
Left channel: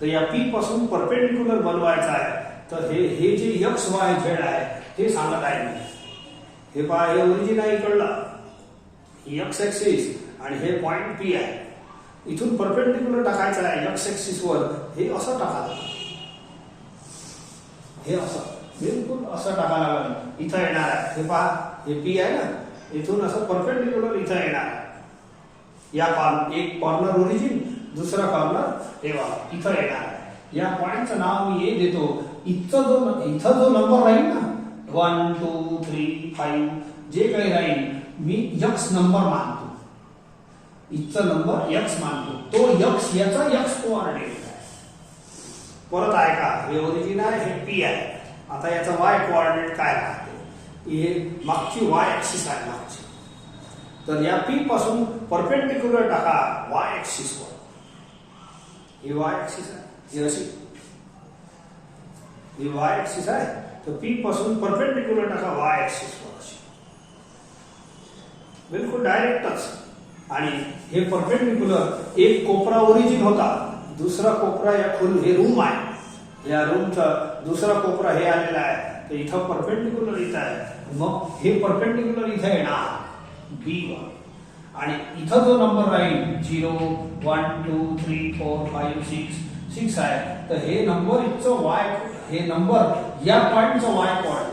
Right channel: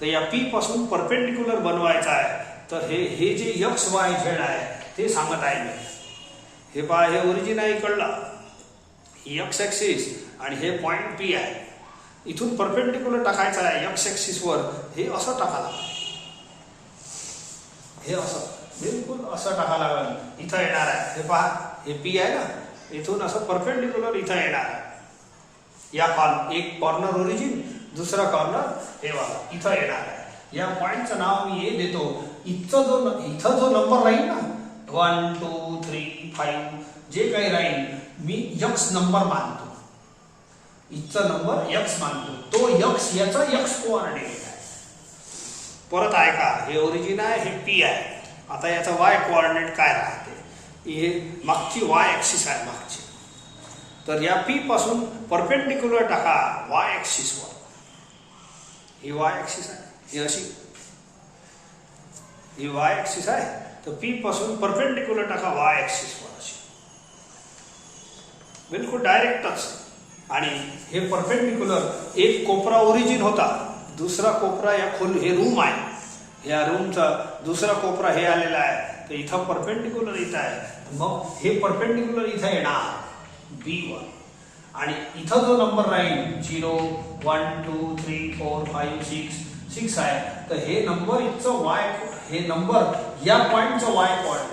तर या P पासून परपेंडिक्युलर बनवायचा आहे. तर हे जे x, y, z आहे ते सांगत आहे मी. हे पहा, हे ओरिजिन आहे इकडला, ही x ऍक्सिस आणि हे पॉइंट P आहे. इथून परपेंडिक्युलर टाकायचं आहे x ऍक्सिस वर. हे असं टाका, हे असं बिलकुल असं टाका लागेल. इथं येणार आहे, हे पहा, हे P आहे ना, इथून असं परपेंडिक्युलर इथं येणार आहे. या एक कॉर्नर ओरिजिन, दुसरा कॉर्नर हे बघा इथं येणार आहे. या पॉइंटचं नाव मी हे देतो. इथं जो नंबर राहील ना, 1, 2, 3, 5 जे काही राहील, मी x नंबर मानतो. इथचा नंबर x मानतो. तो x याचा x कोऑर्डिनेट आहे. परत ऐका, हे ओरिजिन आहे, हे P आहे. आता याचा y कोऑर्डिनेट काय राहते? हे मागची y ऍक्सिस आहे मागची. तर या P पासून परपेंडिक्युलर टाका y ऍक्सिस वर. ही y ऍक्सिस आहे, ही अशी, ही y ऍक्सिस आहे. तर P पासून परपेंडिक्युलर टाका y ऍक्सिस वर अशी, बिलकुल डायरेक्टच. आणि हे परपेंडिक्युलर, एक कोपरा ओरिजिन होता, दुसरा कोपरा या हे रूम आहे. या रूमचा दुसरा कोपरा हे आलेला आहे. तर इथं परपेंडिक्युलर इथं आहे. मग हे परपेंडिक्युलर इथं येणार B1 आणि इथं जो नंबर राहील 0 1 2 3 4 5 6 आहे, तर हे नंबर इथचं वाय, हे नंबर या पॉइंटचं वाय कोऑर्डिनेट,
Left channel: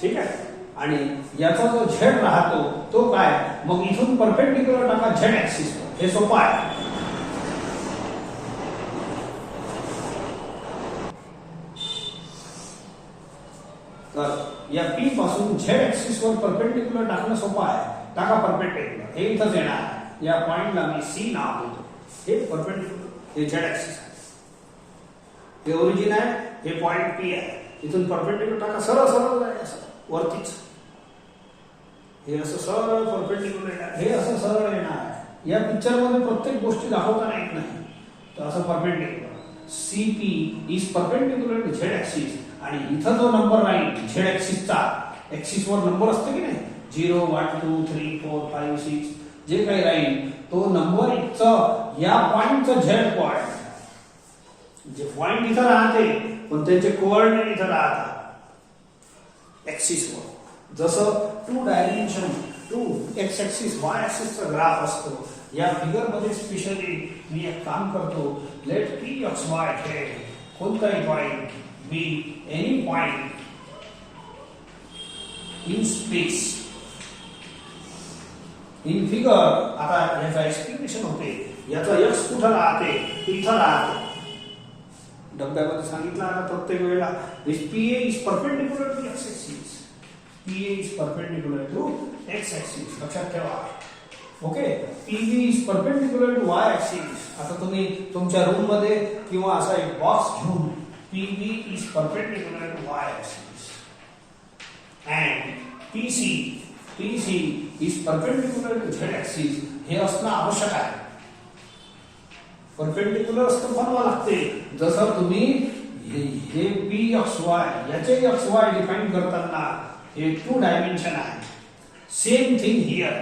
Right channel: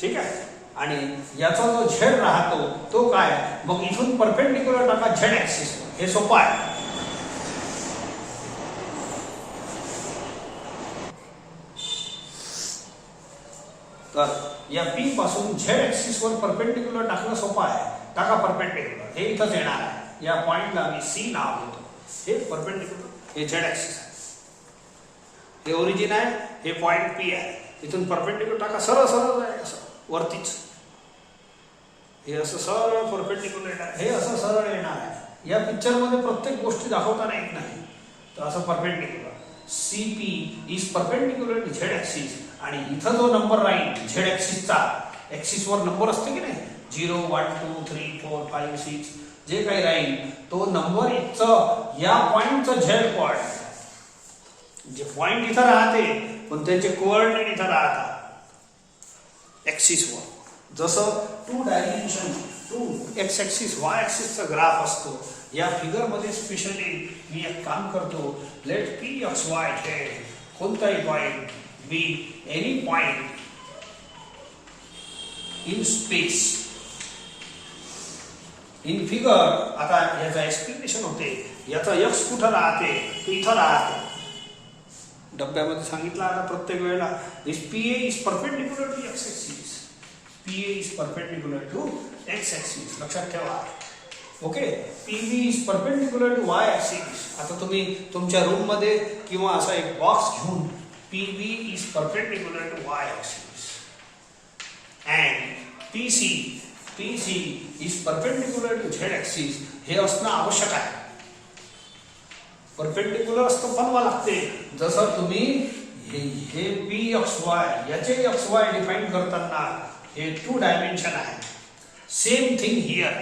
ठीक आहे. आणि याचा जो झेड राहतो तो काय, मग इथून परपेंडिक्युलर टाका झेड ऍक्सिस, हे सोपं आहे. तर या पी पासून झेड ऍक्सिस वर परपेंडिक्युलर टाकणं सोपं आहे. टाका परपेंडिक्युलर, हे इथंच येणार आहे. या पॉइंटला मी सी नाव देतो. हे परपेंडिक्युलर, हे झेड ऍक्सिस आहे, हे ओरिजिन आहे, हे पॉइंट पी आहे. इथून परपेंडिक्युलर टाका, सरळ सरळ जाईल असं वरतीच, हे असं सरळ परपेंडिक्युलर येणार, हे असं सरळ येणार आहे. या पिक्चर मध्ये प्रत्येक गोष्टी दाखवताना येत नाही, तर असं perpendicular C P is perpendicular to Z axis. आणि इथं जो नंबर राहील झेड ऍक्सिसचा, ऍक्सिस वर नंबर असतो की नाही, 0 1 2 3 4 5 6 जे काही राहील तो नंबर इथचं या पॉइंटचं झेड कोऑर्डिनेट, जे पॉइंट इथं राहते पण त्याचे कोऑर्डिनेट इथं राहतात ऍक्सिस वर. जसं 2 डायमेन्शन 2 एक्स ऍक्सिस वाय ऍक्सिसचा ग्राफ असतो, या फिगर मध्ये स्पेशली मी एक काम करतो, let P X Y Z कोणताही point be any point in space in figure. आता याचा एक्सप्लेनेशन होते, याचा यक्स कुठं राहते, इथं राहते. डब्यामध्ये सांगितलं आहे प्रत्येक वेळेला, P A is perpendicular to X axis, P A is perpendicular to X axis, लक्षात ठेवा. Okay, P B is perpendicular to Y axis. आता तुम्ही तुमच्या रूम मध्ये किंवा असा एक बॉक्स घेऊन P B is perpendicular to Y axis and P C is perpendicular to Z axis, हे असणं आवश्यक आहे. परपेंडिक्युलर असतं बनवा लागते. जसं तुम्ही हे पी एक्स वाय याचे एक्स वाय डिफाइन करताना हे 2 डायमेन्शन आहे. सेम थिंग हियर,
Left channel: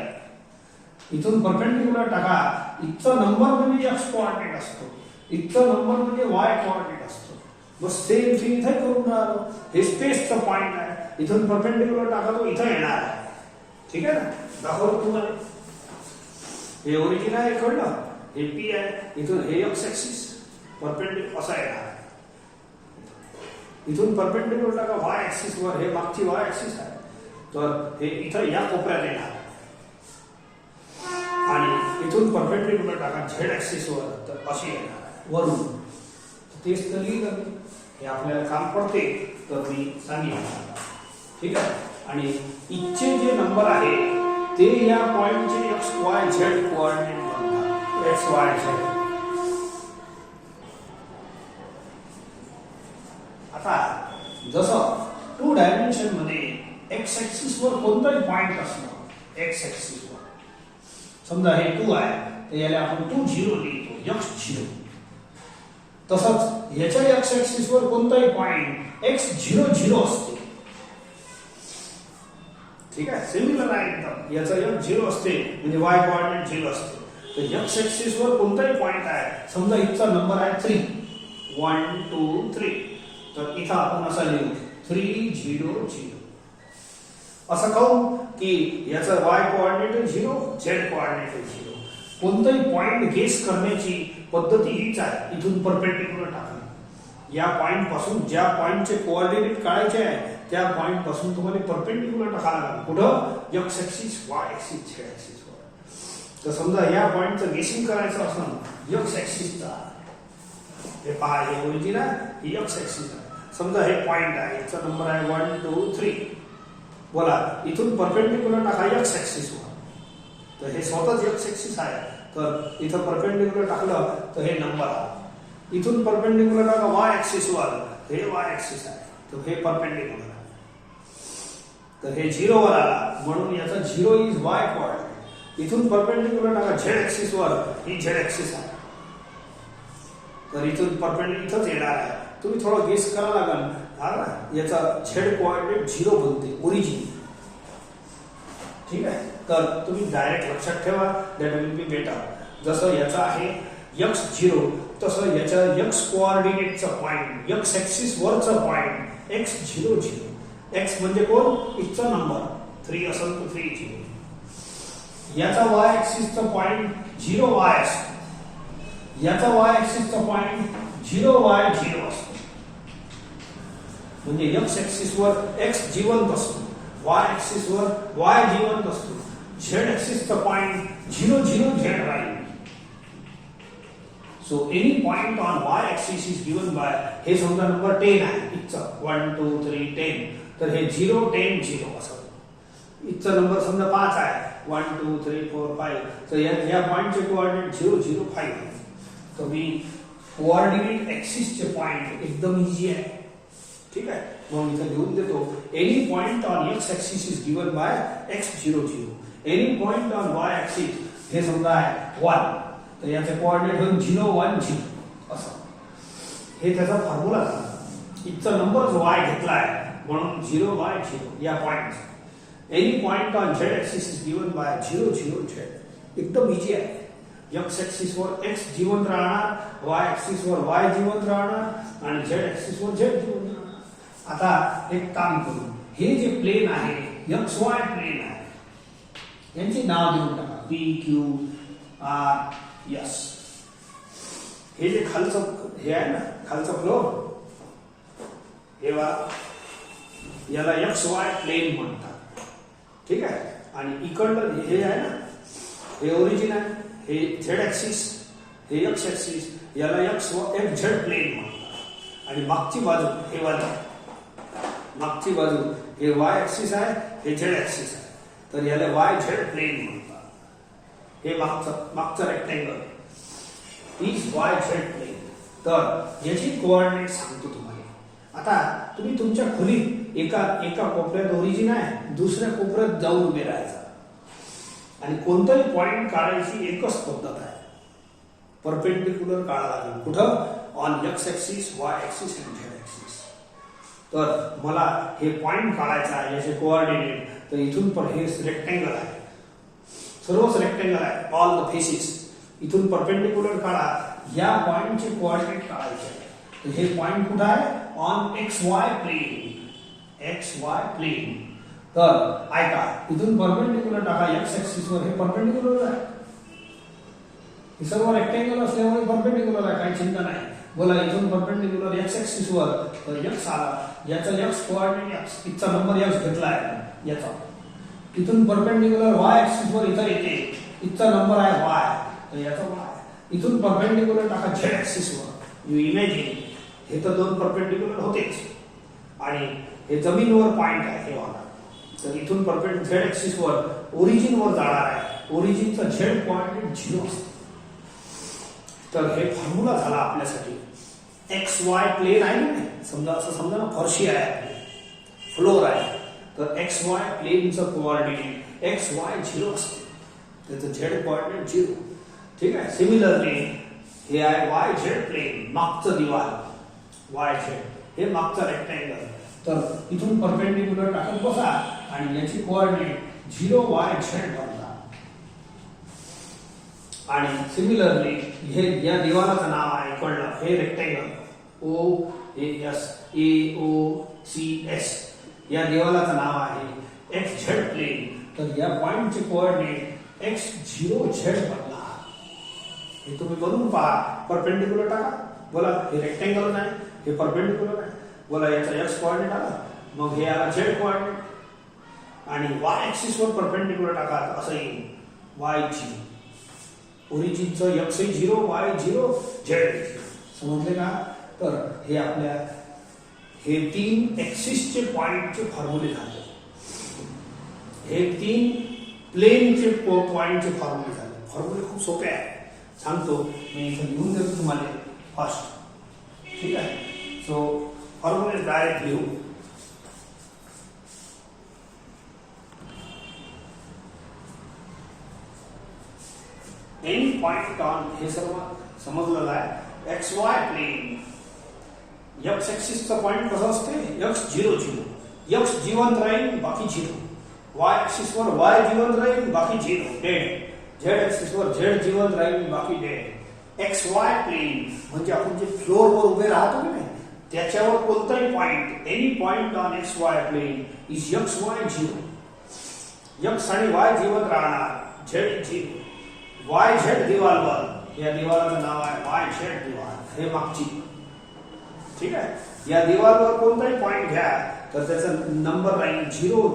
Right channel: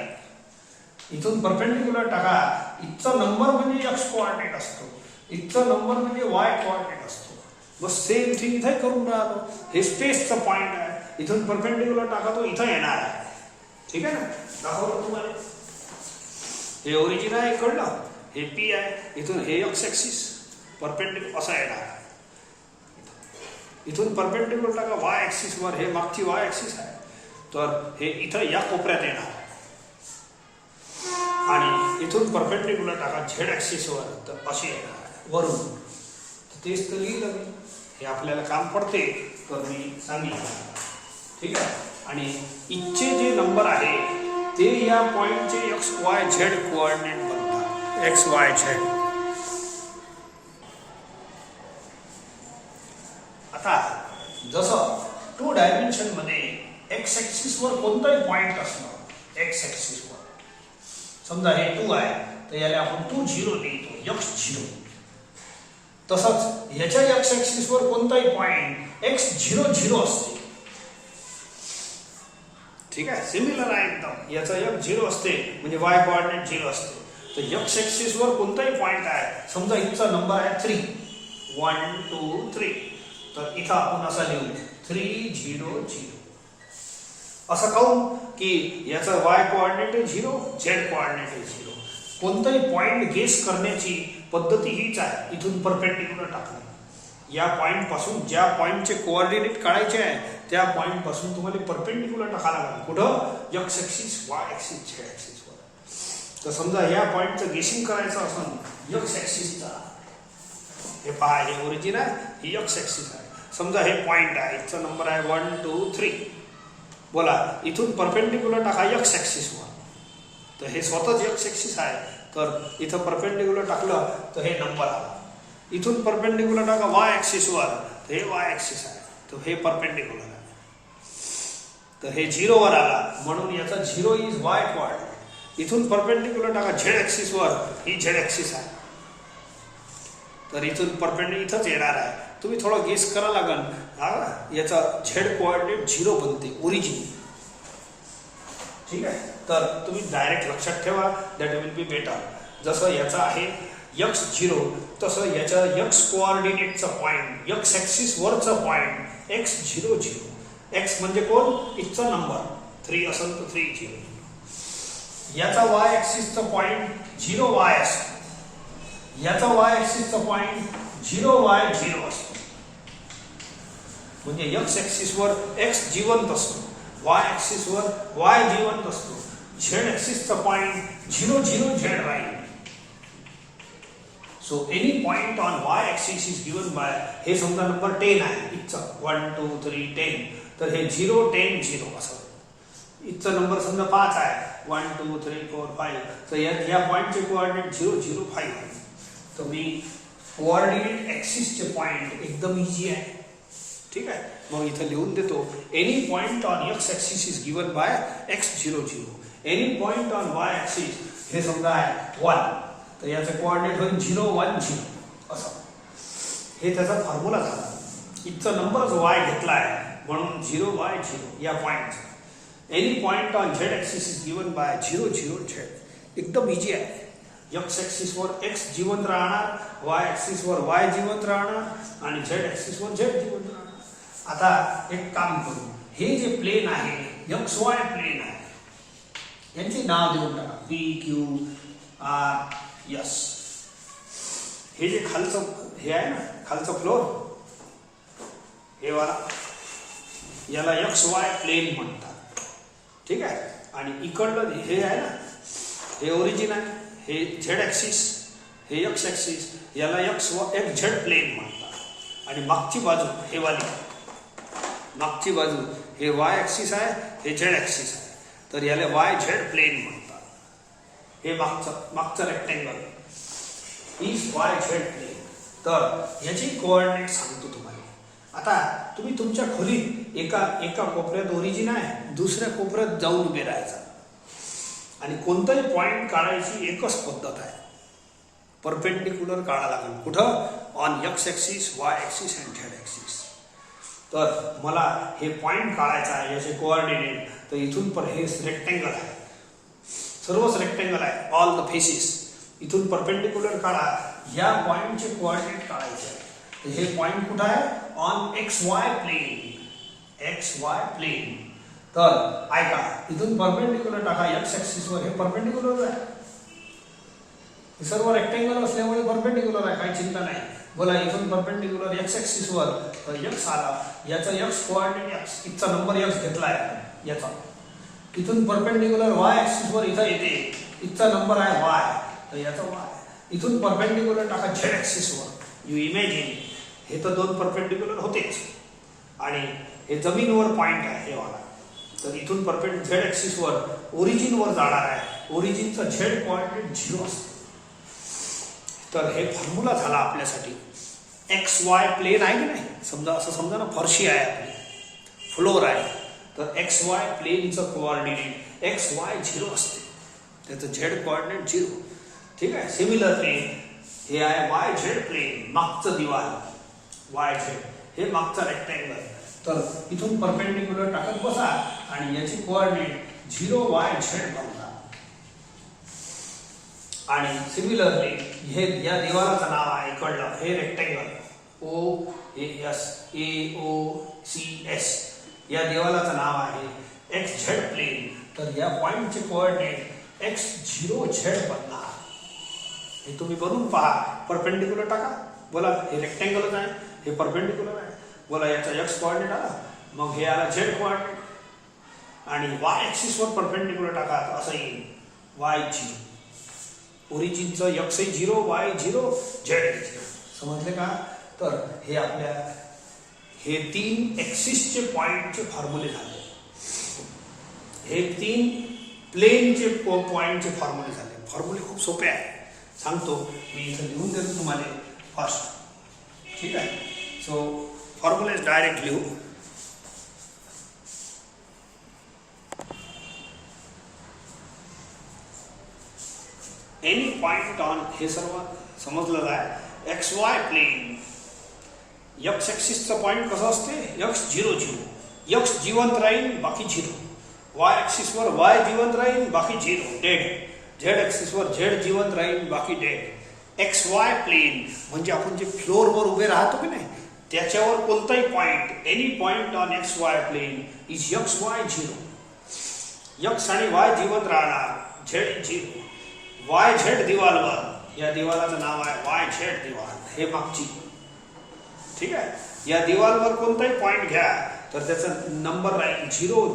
इथून परपेंडिक्युलर टाका, इथचा नंबर म्हणजे एक्स कोऑर्डिनेट असतो, इथचा नंबर म्हणजे वाय कोऑर्डिनेट असतो. बस सेम थिंग इथे करून राहतो. हे स्पेसचा पॉइंट आहे, इथून परपेंडिक्युलर टाका तो इथं येणार आहे. ठीक आहे ना, दाखवलं तुम्हाला. हे ओरिजिन आहे कळलं, हे पी आहे, इथून हे एक्स ऍक्सिस परपेंडिक्युलर असा येणार, इथून परपेंडिक्युलर टाका वाय ऍक्सिस वर, हे मागची वाय ऍक्सिस आहे, तर हे इथं या कोपऱ्यात येणार आणि इथून परपेंडिक्युलर टाका झेड ऍक्सिस वर, तर असे येणार वरून. तेच तर लिहिलं, हे आपल्याला काम पडते तर मी सांगितलं. ठीक आहे. आणि इथचे जे नंबर आहे ते या पॉइंटचे एक्स वाय झेड कोऑर्डिनेट बनतात, एक्स वाय झेड. आता जसं 2 डायमेन्शन मध्ये एक्स ऍक्सिस वर कोणताही पॉइंट असणं, एक्स ऍक्सिस वर समजा हे 2 आहे, तर याला आपण 2 0 लिहितो, एक्स 0. तसंच याच्या एक्स ऍक्सिस वर कोणताही पॉइंट एक्स 0 0 असते. ठीक आहे, सिमिलर आहे एकदम. याचा एक्स 0 असते म्हणजे वाय कोऑर्डिनेट 0 असते. तर एक्स ऍक्सिस वर कोणताही पॉइंट आहे, समजा इथचा नंबर आहे 3 1 2 3, तर इथं आपण असा लिहू 3 0 0. असं कहू की याचा वाय कोऑर्डिनेट 0, झेड कोऑर्डिनेट 0. कोणताही पॉइंट गेस करण्याची पद्धती हीच आहे, इथून परपेंडिक्युलर टाकणे. या पॉइंट पासून ज्या पॉइंटचे कोऑर्डिनेट काढायचे आहे त्या पॉइंट पासून तुम्हाला परपेंडिक्युलर टाकायला लागेल. कुठं, x axis Y axis Z axis वर. तर समजा या पॉइंटचं गेसिंग करायचं असं एक्स ऍक्सिसचा, हे पहा हे ओरिजिन आहे, ही एक्स ऍक्सिस आहे. समजा हे पॉइंट आहे, याचा नंबर आहे 1 2 3. बोला, इथून परपेंडिक्युलर टाका एक्स ऍक्सिस वर, तर हे स्वतःच एक्स ऍक्सिस आहे, तर इथं परपेंडिक्युलर टाकलं तर हे नंबर आला. इथून परपेंडिक्युलर टाका वाय ऍक्सिस वर, तर हे वाय ऍक्सिस आहे, तर हे परपेंडिक्युलर आहे, तर हे 0 वर आला, म्हणून याचा 0 इज वाय कोऑर्डिनेट. इथून परपेंडिक्युलर टाका झेड ऍक्सिस वर, ही झेड ऍक्सिस आहे, तर इथून परपेंडिक्युलर इथंच येणार आहे. तुम्ही थोडं गेस करा लागेल, याचा झेड कोऑर्डिनेट 0 बनते ओरिजिन. ठीक आहे, तर तुम्ही डायरेक्ट लक्षात ठेवा, दॅट विल बी बेटर. जसं याचा आहे एक्स 0, तसं याच्या एक्स कोऑर्डिनेटचा पॉइंट, एक्स ऍक्सिस वरचा पॉइंट एक्स 0 0. एक्स म्हणजे कोण, इथचा नंबर 3 असेल तर 3 0. याचा y ऍक्सिसचा पॉइंट 0y असतो, याचा y ऍक्सिसचा पॉइंट 0y0 असतो. म्हणजे x ऍक्सिस वर x जिवंत असतो, y ऍक्सिस वर y जिवंत असतो, z ऍक्सिसचा पॉइंट 0 0 z राहील. So any point on y axis is given by, हे समजा नंबर 10 आहे, इथचा 1 2 3 10, तर हे 0 10 0 असं. इथचा नंबर समजा 5 आहे, 1 2 3 4 5, तर या पॉइंटचे कोऑर्डिनेट 0 0 5 आहे. तर मी कोऑर्डिनेट ऍक्सिसचे पॉइंट एकदम इझी आहे. ठीक आहे, मग इथे लिहून देतो. Any point on x axis is given bye x 0 0. Any point on y axis हे समजा आहे 1, तर याचे कोऑर्डिनेट होईल 0 1 0 असं. हे त्याचा फॉर्म्युला झाला. इथचा नंबरच y घेतला आहे म्हणून 0 y 0 या पॉइंटचा. Any point on z axis is given by 0 0 z. एकदम इझी आहे. x ऍक्सिस वर x जिवंत राहणार, y ऍक्सिस वर y जिवंत राहणार आणि z ऍक्सिस वर z जिवंत राहणार. आता एक काम करू, हे जे प्लेन आहे XY प्लेन आहे, यांचे नाव देऊन टाका P Q R S. हे जे खालचं हे आहे ना, खालचं फ्लोर, हे वाला, याला XY प्लेन म्हणतात. ठीक आहे, आणि इकडलं हे आहे ना, हे ओरिजिन आहे, हे Z ऍक्सिस, हे X ऍक्सिस, याला XZ प्लेन म्हणतात. आणि मागची बाजू हे वाली, मागची बाजू हे Y ऍक्सिस आहे, हे Z ऍक्सिस आहे, तर याला YZ प्लेन म्हणतात. हे मागचं रेक्टेंगल इज YZ प्लेन. तर याची कोऑर्डिनेट सांगतो तुम्हाला. आता तुम्ही तुमच्या खोलीत एका कोपऱ्यात ओरिजिन आहे, दुसऱ्या कोपऱ्यात जाऊन उभे राहायचा आणि कोणताही पॉइंट काढायची एकच पद्धत आहे, परपेंडिक्युलर काढा लागेल. कुठं? On X axis, Y axis आणि Z ऍक्सिस. तर मला हे पॉइंट काढायचा आहे, याचे कोऑर्डिनेट. तर इथून पण हे रेक्टेंगल आहे, सर्वच रेक्टेंगल आहे, ऑल द फेसेस. इथून परपेंडिक्युलर काढा, या पॉइंटचे कोऑर्डिनेट काढायचे आहे. तर हे पॉइंट कुठं आहे? On XY plane, XY plane. तर ऐका, इथून परपेंडिक्युलर टाका X ऍक्सिस वर, हे परपेंडिक्युलर आहे, हे सर्व रेक्टेंगल असल्यामुळे परपेंडिक्युलर आहे, काही चिंता नाही. बोला, इथून परपेंडिक्युलर X ऍक्सिस वर, तर X आला, याचा X कोऑर्डिनेट X, इथचा नंबर X घेतला आहे याचा. इथून परपेंडिक्युलर Y ऍक्सिस वर इथं येते, इथचा नंबर आहे Y, तर याचा Y. इथून परपेंडिक्युलर टाका Z ऍक्सिस वर. यू इमॅजिन, हे तर दोन परपेंडिक्युलर होतेच आणि हे जमीनवर पॉइंट आहे हे वाला. तर इथून Z ऍक्सिस वर ओरिजिन वर जाणार आहे, ओरिजिनचा Z कोऑर्डिनेट 0 असतो. तर हे फॉर्म्युला झाला आपल्यासाठी. XY प्लेन आहे ना, समजा असं समजा ना, फरशी आहे आपली, फ्लोर आहे, तर XY प्लेनचं कोऑर्डिनेट XY 0 असते, त्याचं Z कोऑर्डिनेट 0. ठीक आहे. सिमिलरली हे आहे YZ प्लेन, मागचं दिवाल YZ, हे मागचं रेक्टेंगल. तर इथून परपेंडिक्युलर टाकत बसा आणि याची कोऑर्डिनेट 0YZ बनतात. आणि सिमिलरली हे या दिवालाचं नाव आहे इकडलं, हे रेक्टेंगल OAS, AOCS, या दिवालाचं नाव आहे XZ प्लेन. तर या पॉइंटचे कोऑर्डिनेट X0Z बनला. हे तुम्ही बनवून पहा, परपेंडिक्युलर टाका. बोला, हे रेक्टेंगलच आहे, हे परपेंडिक्युलर आहे. बोला, याचा X कोऑर्डिनेट आला, मग हे आला Z कोऑर्डिनेट, आणि Y ऍक्सिस वर परपेंडिक्युलर टाका, तर असं येईल Y0. ओरिजिनचं X 0, Y 0, Z 0. समजले का? तर हे आपल्या हे 3 ऍक्सिसचे पॉइंटचे फॉर्म्युले झाले, हे 3 प्लेनचे पॉइंटचे फॉर्म्युले झाले. फॉर्म्युले खूप सोपे आहे, सांगतो मी इथे लिहून देतो तुम्हाला फास्ट. ठीक आहे. सो फॉर्म्युले डायरेक्ट लिहू. एनी पॉइंट ऑन, हे सर्व समजलं आहे, XY प्लेन. X ऍक्सिसचा पॉइंट कसा असते? X 0 0, X जिवंत राहील, बाकी 0. Y ऍक्सिस वर Y जिवंत राहील, बाकी 0 डेड. Z ऍक्सिस वर Z जिवंत राहील, बाकी डेड. XY प्लेन म्हणजे आपण जे फ्लोर वर उभे राहतो की नाही, त्याच्यावर कोणताही point, any point on XY plane is XY 0. X आणि Y जिवंत राहणार, झेड झिरो वाय झेड दिवालवर या दिवालाचं नाव आहे वाय झेड दिवाल हे मागची ठीक आहे या दिवालवर कोणताही पॉइंट घ्या तर त्याचा नंबर राहील 0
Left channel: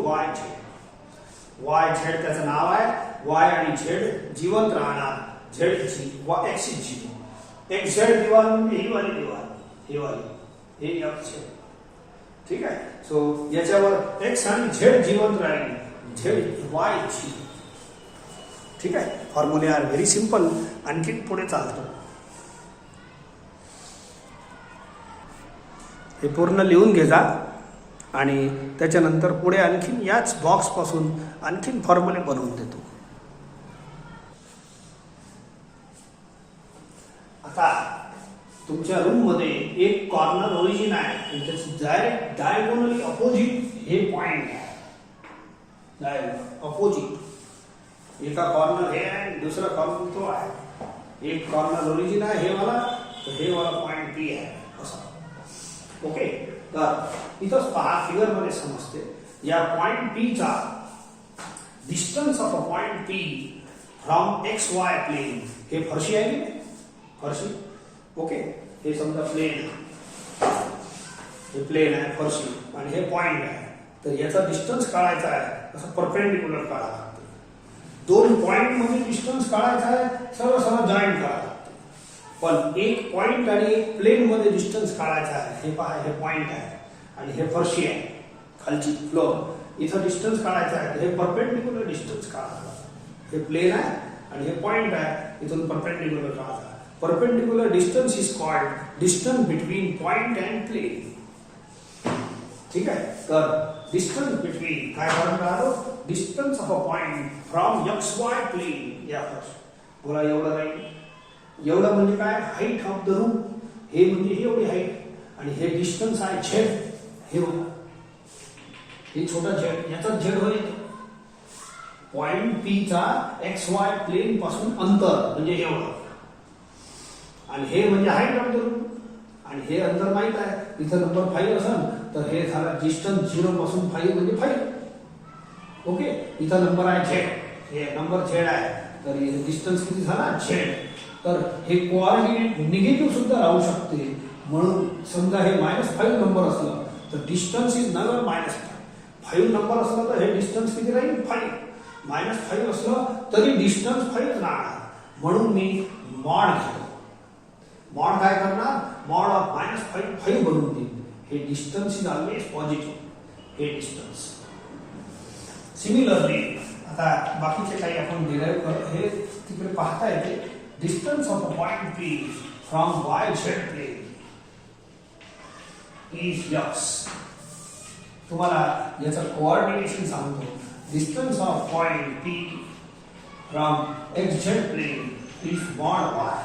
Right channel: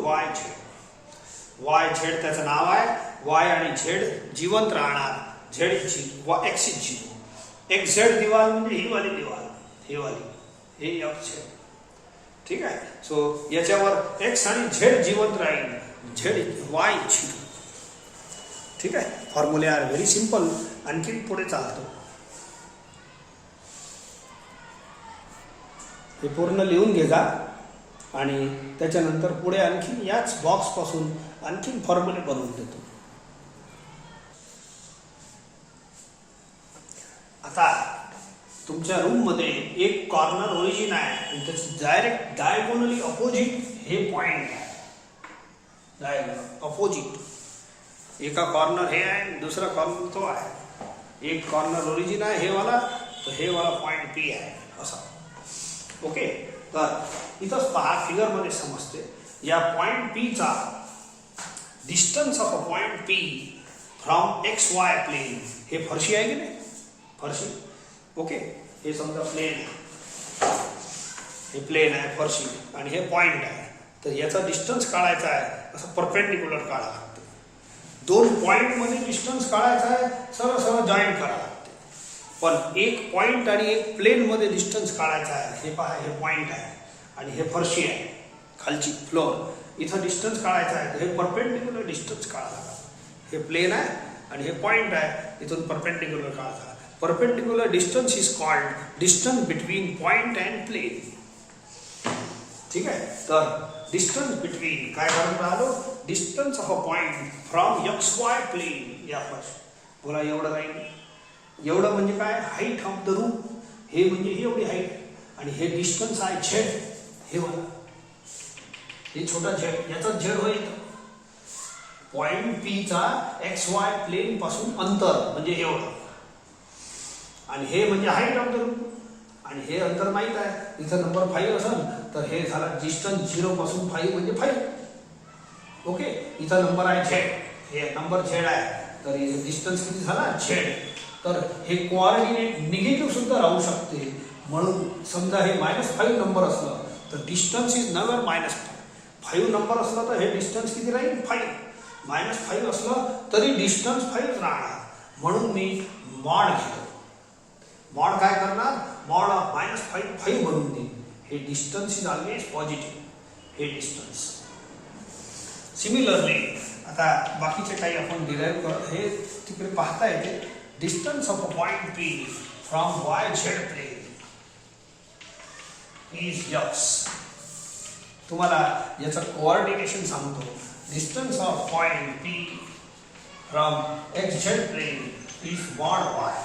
वाय झेड त्याचं नाव आहे वाय आणि झेड जिवंत राहणार Z zero x zero x Z दिवाल म्हणजे ही वाली दिवाल ही वाली हे एक्स झेड ठीक आहे सो याच्यावर एक्स आणि झेड जिवंत राहील झेड वाय झिरो ठीक आहे फॉर्म्युले आर व्हेरी सिंपल आणखी पुढे चालतो हे पूर्ण लिहून घे जा आणि त्याच्यानंतर पुढे आणखीन याच बॉक्स पासून आणखीन फॉर्म्युले बनवून देतो आता तुमच्या रूम मध्ये एक कॉर्नर ओरिजिन आहे आणि त्याची डायरेक्ट डायगोनली अपोजिट हे पॉइंट आहे डायगोनल अपोजिट एका कॉर्नर हे आहे दुसरा कॉर्नर तो आहे एक कॉर्नर ओरिजिन आहे हे वाला तर हे वाला पॉइंट पी आहे असा ओके तर इथंच पहा फिगर मध्ये समजते या पॉइंट पी चा distance of a point P from x Y plain हे फरशी आहे की नाही फरशी ओके हे समजा प्लेन आहे हे प्लेन आहे फरशी आणि हे पॉइंट आहे तर याचा डिस्टन्स काढायचा आहे असं परपेंडिक्युलर काढावं लागतं दोन पॉइंट मध्ये डिस्टन्स काढायचा आहे सरळ सरळ जॉईंट करावं लागतं पण एक पॉइंट आणि एक प्लेन मध्ये डिस्टन्स काढायचा आहे हे पहा हे पॉइंट आहे आणि हे फरशी आहे खालची फ्लोर इथं डिस्टन्स काढायचा आहे हे परपेंडिक्युलर डिस्टन्स काढायचा हे प्लेन आहे आणि हे पॉइंट आहे इथून परपेंडिक्युलर काढायचा perpendicular distance is called distance between point and plane ठीक आहे तर distance between काय म्हणतात आलो distance of a point from xy plane या फर्स्ट बोला एवढं राहील एवढं म्हणजे काय हाईट ऑफ द रूम हे म्हणजे एवढी हाईट आणि हे डिस्टन्स आहे झेड हे बघा हे छोटा झेड याचा झेड होईल पॉइंट पी चा एक्स वाय प्लेन पासून अंतर म्हणजे एवढं आणि हे म्हणजे हाईट ऑफ द रूम आणि हे अंतर माहित आहे इथं नंबर 5 असेल तर हे झालं डिस्टन्स 0 पासून 5 म्हणजे 5 ओके इथं नंबर आहे झेड हे नंबर झेड आहे तर हे डिस्टन्स किती झाला झेड तर हे कोऑर्डिनेट निगेटिव्ह सुद्धा राहू शकते म्हणून समजा हे -5 नंबर असलं तर डिस्टन्स इज नवर -5 नंबर असला तर हे डिस्टन्स किती राहील 5 -5 असलं तरी डिस्टन्स 5 राहणार म्हणून मी मॉड घेतो मॉड काय करणार मॉड ऑफ -5 बनवून देईल हे डिस्टन्स इज ऑलवेज पॉझिटिव्ह हे डिस्टन्स सिमिलरली आता बाकीचे काही आपण डिराइव्ह कर हे तिकडे पाहता येते distance of a point P from Y Z plane is X तुम्हाला याचं कोऑर्डिनेशन सांगतो distance of point P from X Z plane is mod Y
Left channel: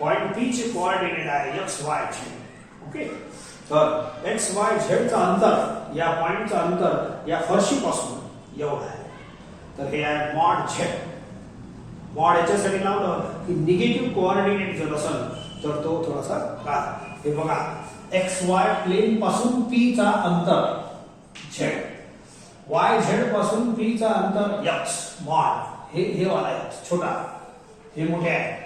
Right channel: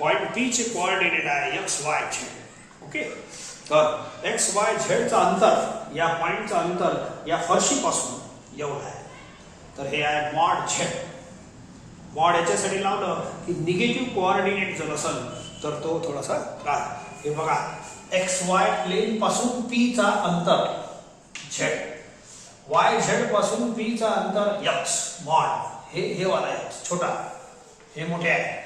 point P चे कोऑर्डिनेट आहे एक्स वाय झेड ओके तर एक्स वाय झेड चा अंतर या पॉइंटचं अंतर या फरशी पासून एवढं आहे तर हे आहे मॉड झेड मॉड याच्यासाठी लावलं की निगेटिव्ह कोऑर्डिनेट जर असेल तर तो थोडासा काय हे बघा एक्स वाय प्लेन पासून पी चा अंतर झेड वाय झेड पासून पी चा अंतर एक्स मॉड हे वाला एक्स छोटा हे मोठे आहे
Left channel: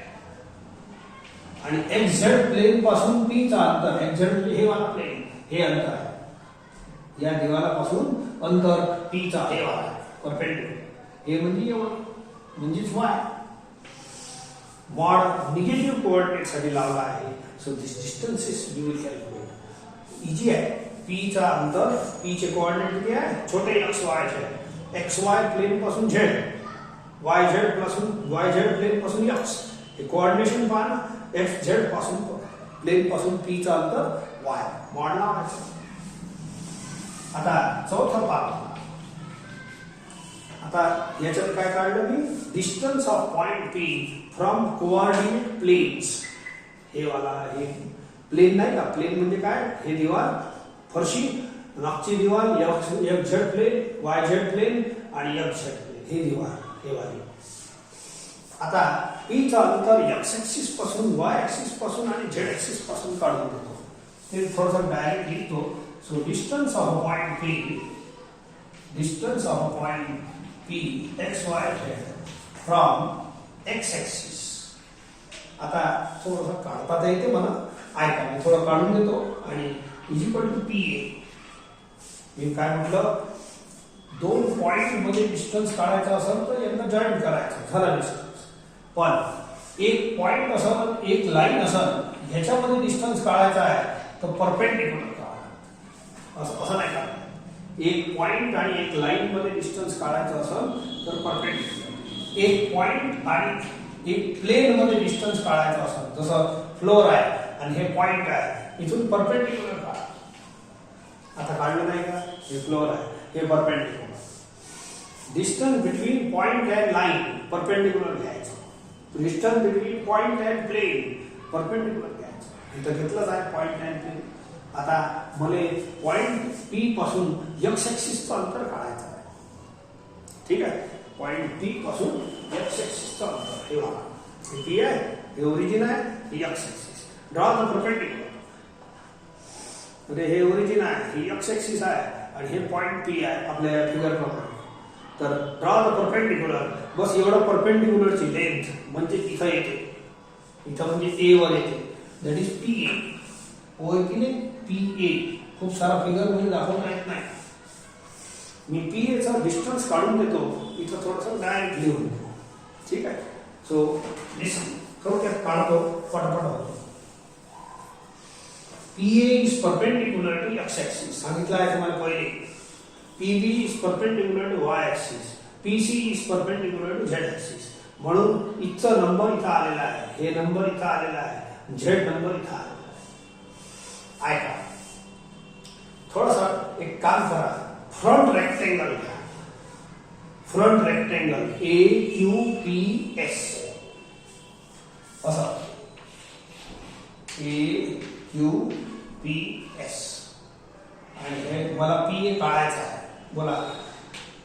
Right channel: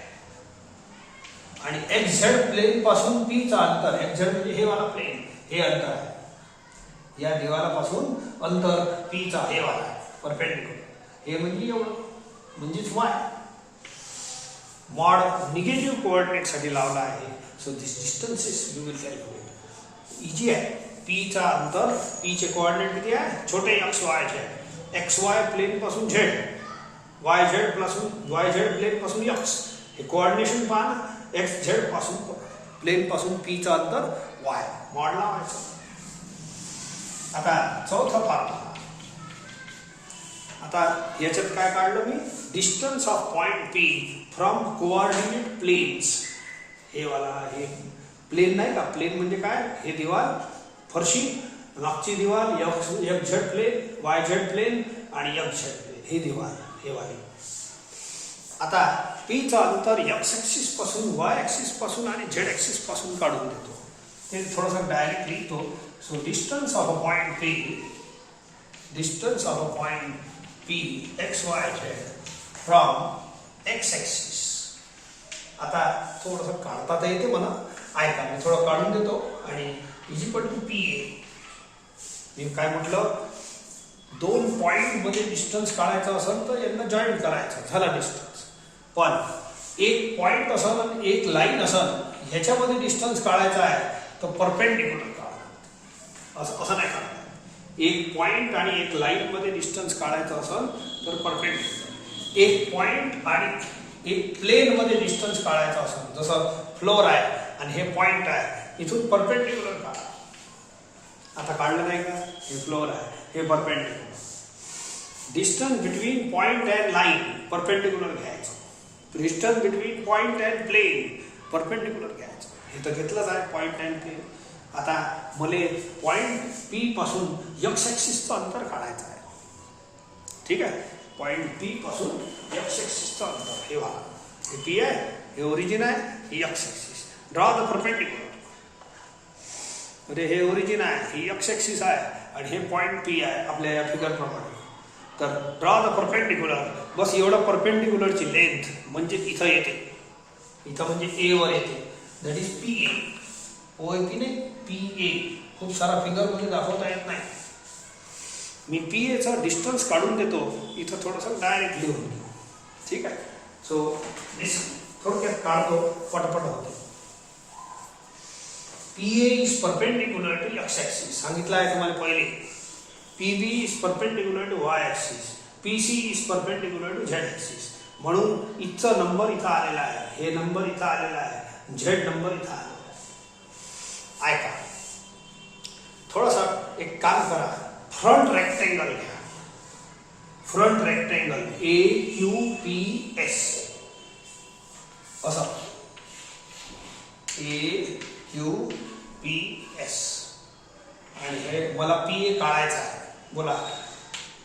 आणि एक्स झेड प्लेन पासून पी चा अंतर एक्स झेड म्हणजे हे वाला प्लेन हे अंतर आहे या दिवालापासून अंतर पी चा हे वाला परपेंडिक्युलर हे म्हणजे एवढं म्हणजेच वाय मॉड निगेटिव्ह कोऑर्डिनेट साठी लावला आहे so this distance is you will calculate easy आहे पी चा अंतर पी चे कोऑर्डिनेट किती आहे छोटे x Y Z x Y plain पासून झेड वाय झेड प्लेन पासून एक्स हे कोऑर्डिनेशन पहा ना एक्स झेड पासून प्लेन पासून पी चा अंतर वाय मॉड लावायचं आता चौथा पार्ट आता याच्यात काय काढलं मी distance of point P from coordinate planes हे वाला हे प्लेन नाही का प्लेन म्हणजे काय हे दिवाल फरशी मागची दिवाल X Z plane Y Z plane आणि एक्स झेड प्लेन हे दिवाल हे वाली आता पी चा अंतर एक्स ऍक्सिस पासून वाय ऍक्सिस पासून आणि झेड ऍक्सिस पासून काढून देतो ते थोडंसं डायरेक्ट लिहितो so distance of a point P distance of a point P X Y Z from X axis. आता थोडंसं काढता तर येते मला, ऐका मी थोडं काढून देतो. आणि is equal to P A. मी काय म्हटलं, दोन पॉइंट मध्ये डिस्टन्स काढायचा असेल तर यांना जॉईन करायचं, झाला डिस्टन्स. पण एक पॉइंट असेल एक लाईन असेल, ह्याच्यामध्ये डिस्टन्स काढायचा आहे तर परपेंडिक्युलर काढा, असं नाही काढायचं. एक पॉइंट आणि एक लाईन मध्ये डिस्टन्स काढायचं असेल तर परपेंडिक्युलर. एक पॉइंट आणि एक प्लेन मध्ये डिस्टन्स काढायचं असेल, जसं फ्लोर आहे आणि हे पॉइंट आहे, इथून परपेंडिक्युलर काढा. आता काढलं नाही का, हे फ्लोर आहे, हे perpendicular. Distance between point and line perpendicular घ्यायचं. Distance between point and plane perpendicular घ्यायचं. इथं घेतलंच आहे पॉइंट अँड प्लेन. आता मला पॉइंट पी पासून एक्स ॲक्सिसचं अंतर काढायचं आहे. ठीक आहे, पॉइंट पी पासून एक्स ॲक्सिसचं अंतर हे बघा, हे पी आहे, हे ओरिजिन आहे, हे x axis. Draw the perpendicular. म्हणजे हे ओरिजिन आहे, ही एक्स ॲक्सिस आहे आणि हे पॉइंट पी आहे आपल्या या फिगर प्रमाणे. तर ड्रॉ द परपेंडिक्युलर. बस एवढं परपेंडिक्युलरची लेंथ म्हणजे इथं येते, इथं म्हणजे ए वर येते, दॅट इज पी ए. ओ आहे की नाही, पी ए. खूप सारा फिगर मध्ये दाखवता येत नाही. मी पी एचा डिस्टन्स काढून देतो, इथं थोडंसं डायरेक्ट लिहून देतो. ठीक आहे. सो थोडक्यात काढतो, पटापट होते. P A is perpendicular to X axis. सांगितलं आहे तुम्हाला पहिले. PB is perpendicular to Y axis. PC is perpendicular to Z axis. म्हणून इथचा नंबर इथं आलेला आहे, हे नंबर इथं आलेला आहे, झेड नंबर इथं आलेला आहे. ऐका, थोडासा एक काम करा, फ्रंट रेक्टेंगल घ्या. फ्रंट रेक्टेंगल ए क्यू पी एस असं, ए क्यू पी एस. आणि हे मला पी ए काढायचं आहे. बोला,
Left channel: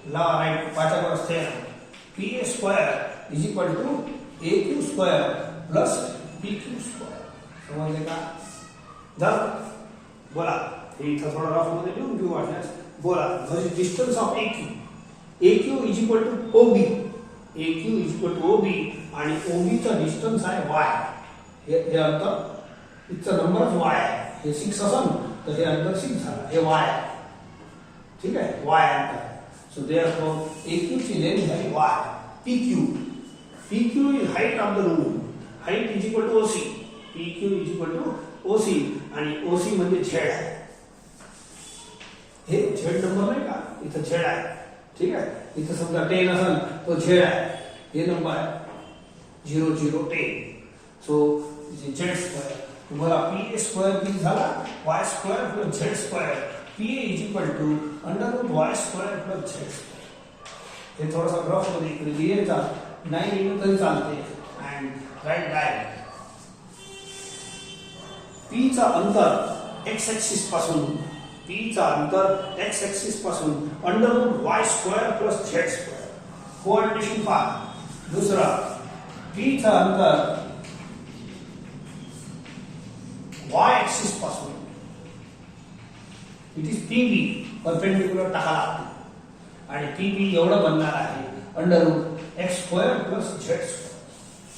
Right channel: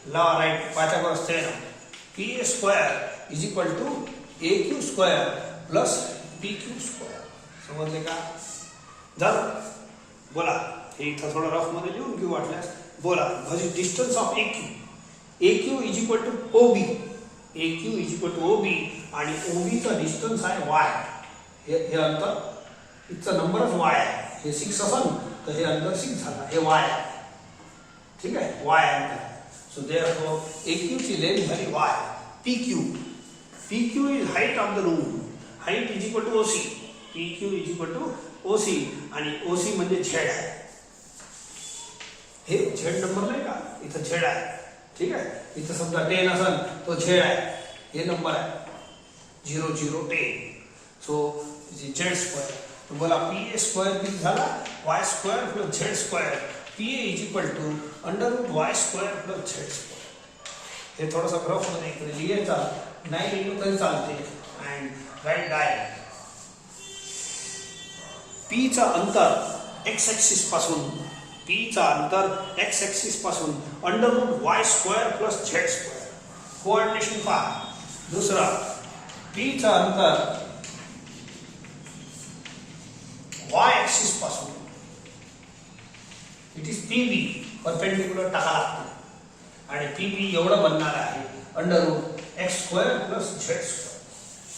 ला राईट पाच्यावर असते ना, P A square is equal to A Q square plus P Q square. समजले का? जर बोला, हे इथं थोडं रफ मध्ये लिहून घेऊ वाटल्यास. बोला, what is distance of A Q? A Q is equal to O B. A Q is equal to O B आणि ओ बीचा डिस्टन्स आहे वाय. हे अंतर, इथचा नंबरच वाय आहे. हे 6 असेल तर हे अंतर 6 झाला, हे वाय आहे. ठीक आहे, वाय अंतर. सो देयरफॉर ए क्यू ची लेंथ झाली Y. P Q, P Q is height of the room. Height is equal to OC. P Q is equal to OC आणि ओसी म्हणजे झेड आहे. हे झेड नंबर नाही का, इथं झेड आहे. ठीक आहे, इथं समजा 10 असेल तो झेड आहे, हे नंबर आहे 0 0 10. So Z square. तुम्हाला पी ए स्क्वेअर किती झाला, Y square plus Z square. P A is equal to under root Y square plus Z square. हे थोडासा ग्राफ मध्ये इकडे लिहायचा, नाही लिहिलं तरी चालते. And write direct. पी चा अंतर एक्स ॲक्सिस पासून, पी चा अंतर एक्स ॲक्सिस पासून under root Y square plus Z square. Coordination पहा. दुसरा, पी चा अंतर वाय ॲक्सिस पासून, इट इज पीबी, परपेंडिक्युलर टाका लागते. आणि पीबी एवढं बनणार आहे under root X square plus Z square.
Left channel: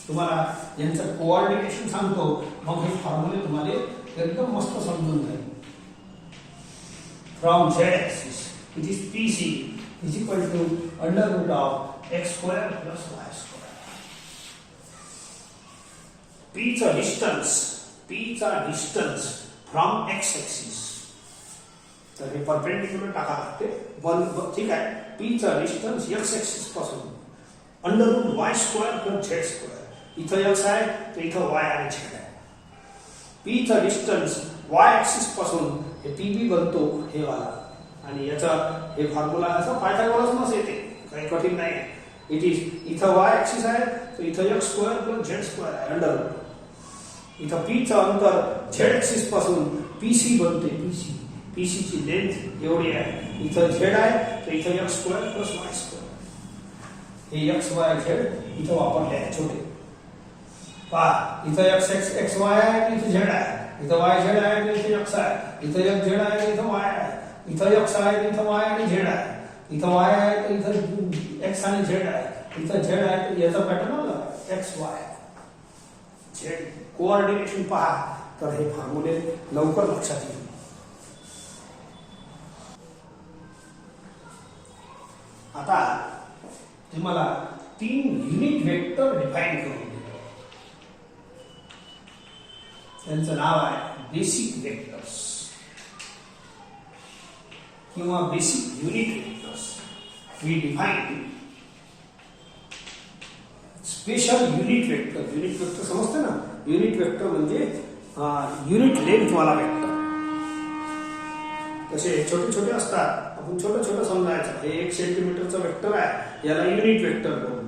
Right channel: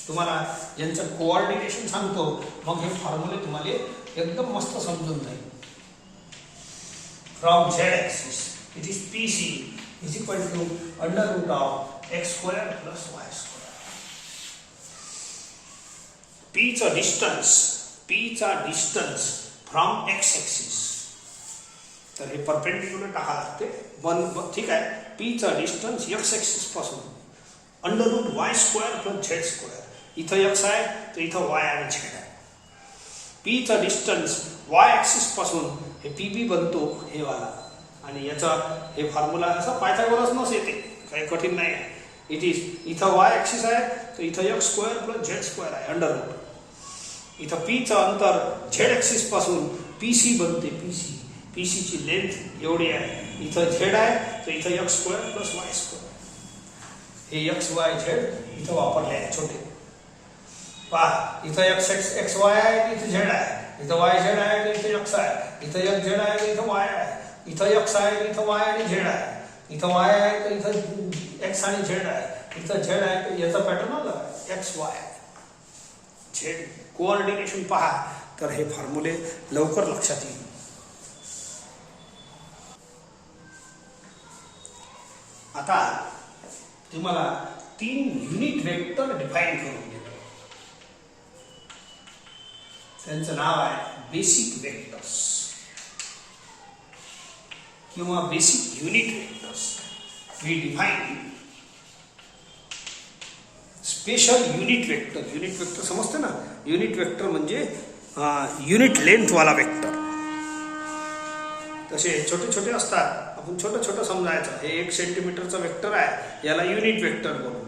तुम्हाला यांचं कोऑर्डिनेशन सांगतो, मग हे फॉर्म्युले तुम्हाला एकदम मस्त समजून जाईल. From Z axis it is PC is equal to under root of X square plus Y square. पीचा डिस्टन्स, पीचा डिस्टन्स फ्रॉम एक्स ॲक्सिस, तर हे परपेंडिक्युलर टाका लागते. ठीक आहे, पीचा डिस्टन्स एक्स ॲक्सिस पासून under root Y square plus Z square. इथं एक्स आहे तर इथं वाय आणि झेड आहे. पीचा डिस्टन्स वाय ॲक्सिस पासून हे पीबी बनतो हे वाला. आणि याचा हे फॉर्म्युला असा पायथागोरसनच येते, काही कठीण नाही आहे. इट इज, इथं वाय ॲक्सिस आहे तर इथं x square plus Z square आहे अंडर रूट. इथं पीचं अंतर झेड ॲक्सिस पासून पीसी बनते. पीसी, पीसीची लेंथ एवढी आहे. इथं झेड आहे तर इथं x square plus Y square. हे एक्स वाय झेड इथं वापरले आहे छोटे. पहा, इथं एक्स वाय आहे, इथं झेड आहे. इथं वाय झेड आहे तर इथं एक्स आहे. इथं एक्स झेड आहे तर इथं वाय आहे. इथं एक्स आहे तर इथं वाय आणि झेड आहे. इथं वाय आहे तर इथं एक्स आणि झेड आहे, इथं झेड आहे तर याचा पॅटर्न आला एक्स वाय झेड कोऑर्डिनेशन पहा, तर हे फॉर्म्युले लवकर लक्षात येईल. आता तुम्हाला 3 युनिट वेक्टर डिफाइन करून देतो. त्यांचं नाव आहे बेसिक वेक्टर्स किंवा basic unit vectors. We define special unit vector. Unit vector समजते ना, युनिट वेक्टर म्हणजे युनिट लेंथ वाला वेक्टर. तसे छोटे छोटे असतात, आपण छोटं छोटं समजायचं. हे 1 सेंटीमीटरचं वेक्टर आहे, याला युनिट वेक्टर बोलू.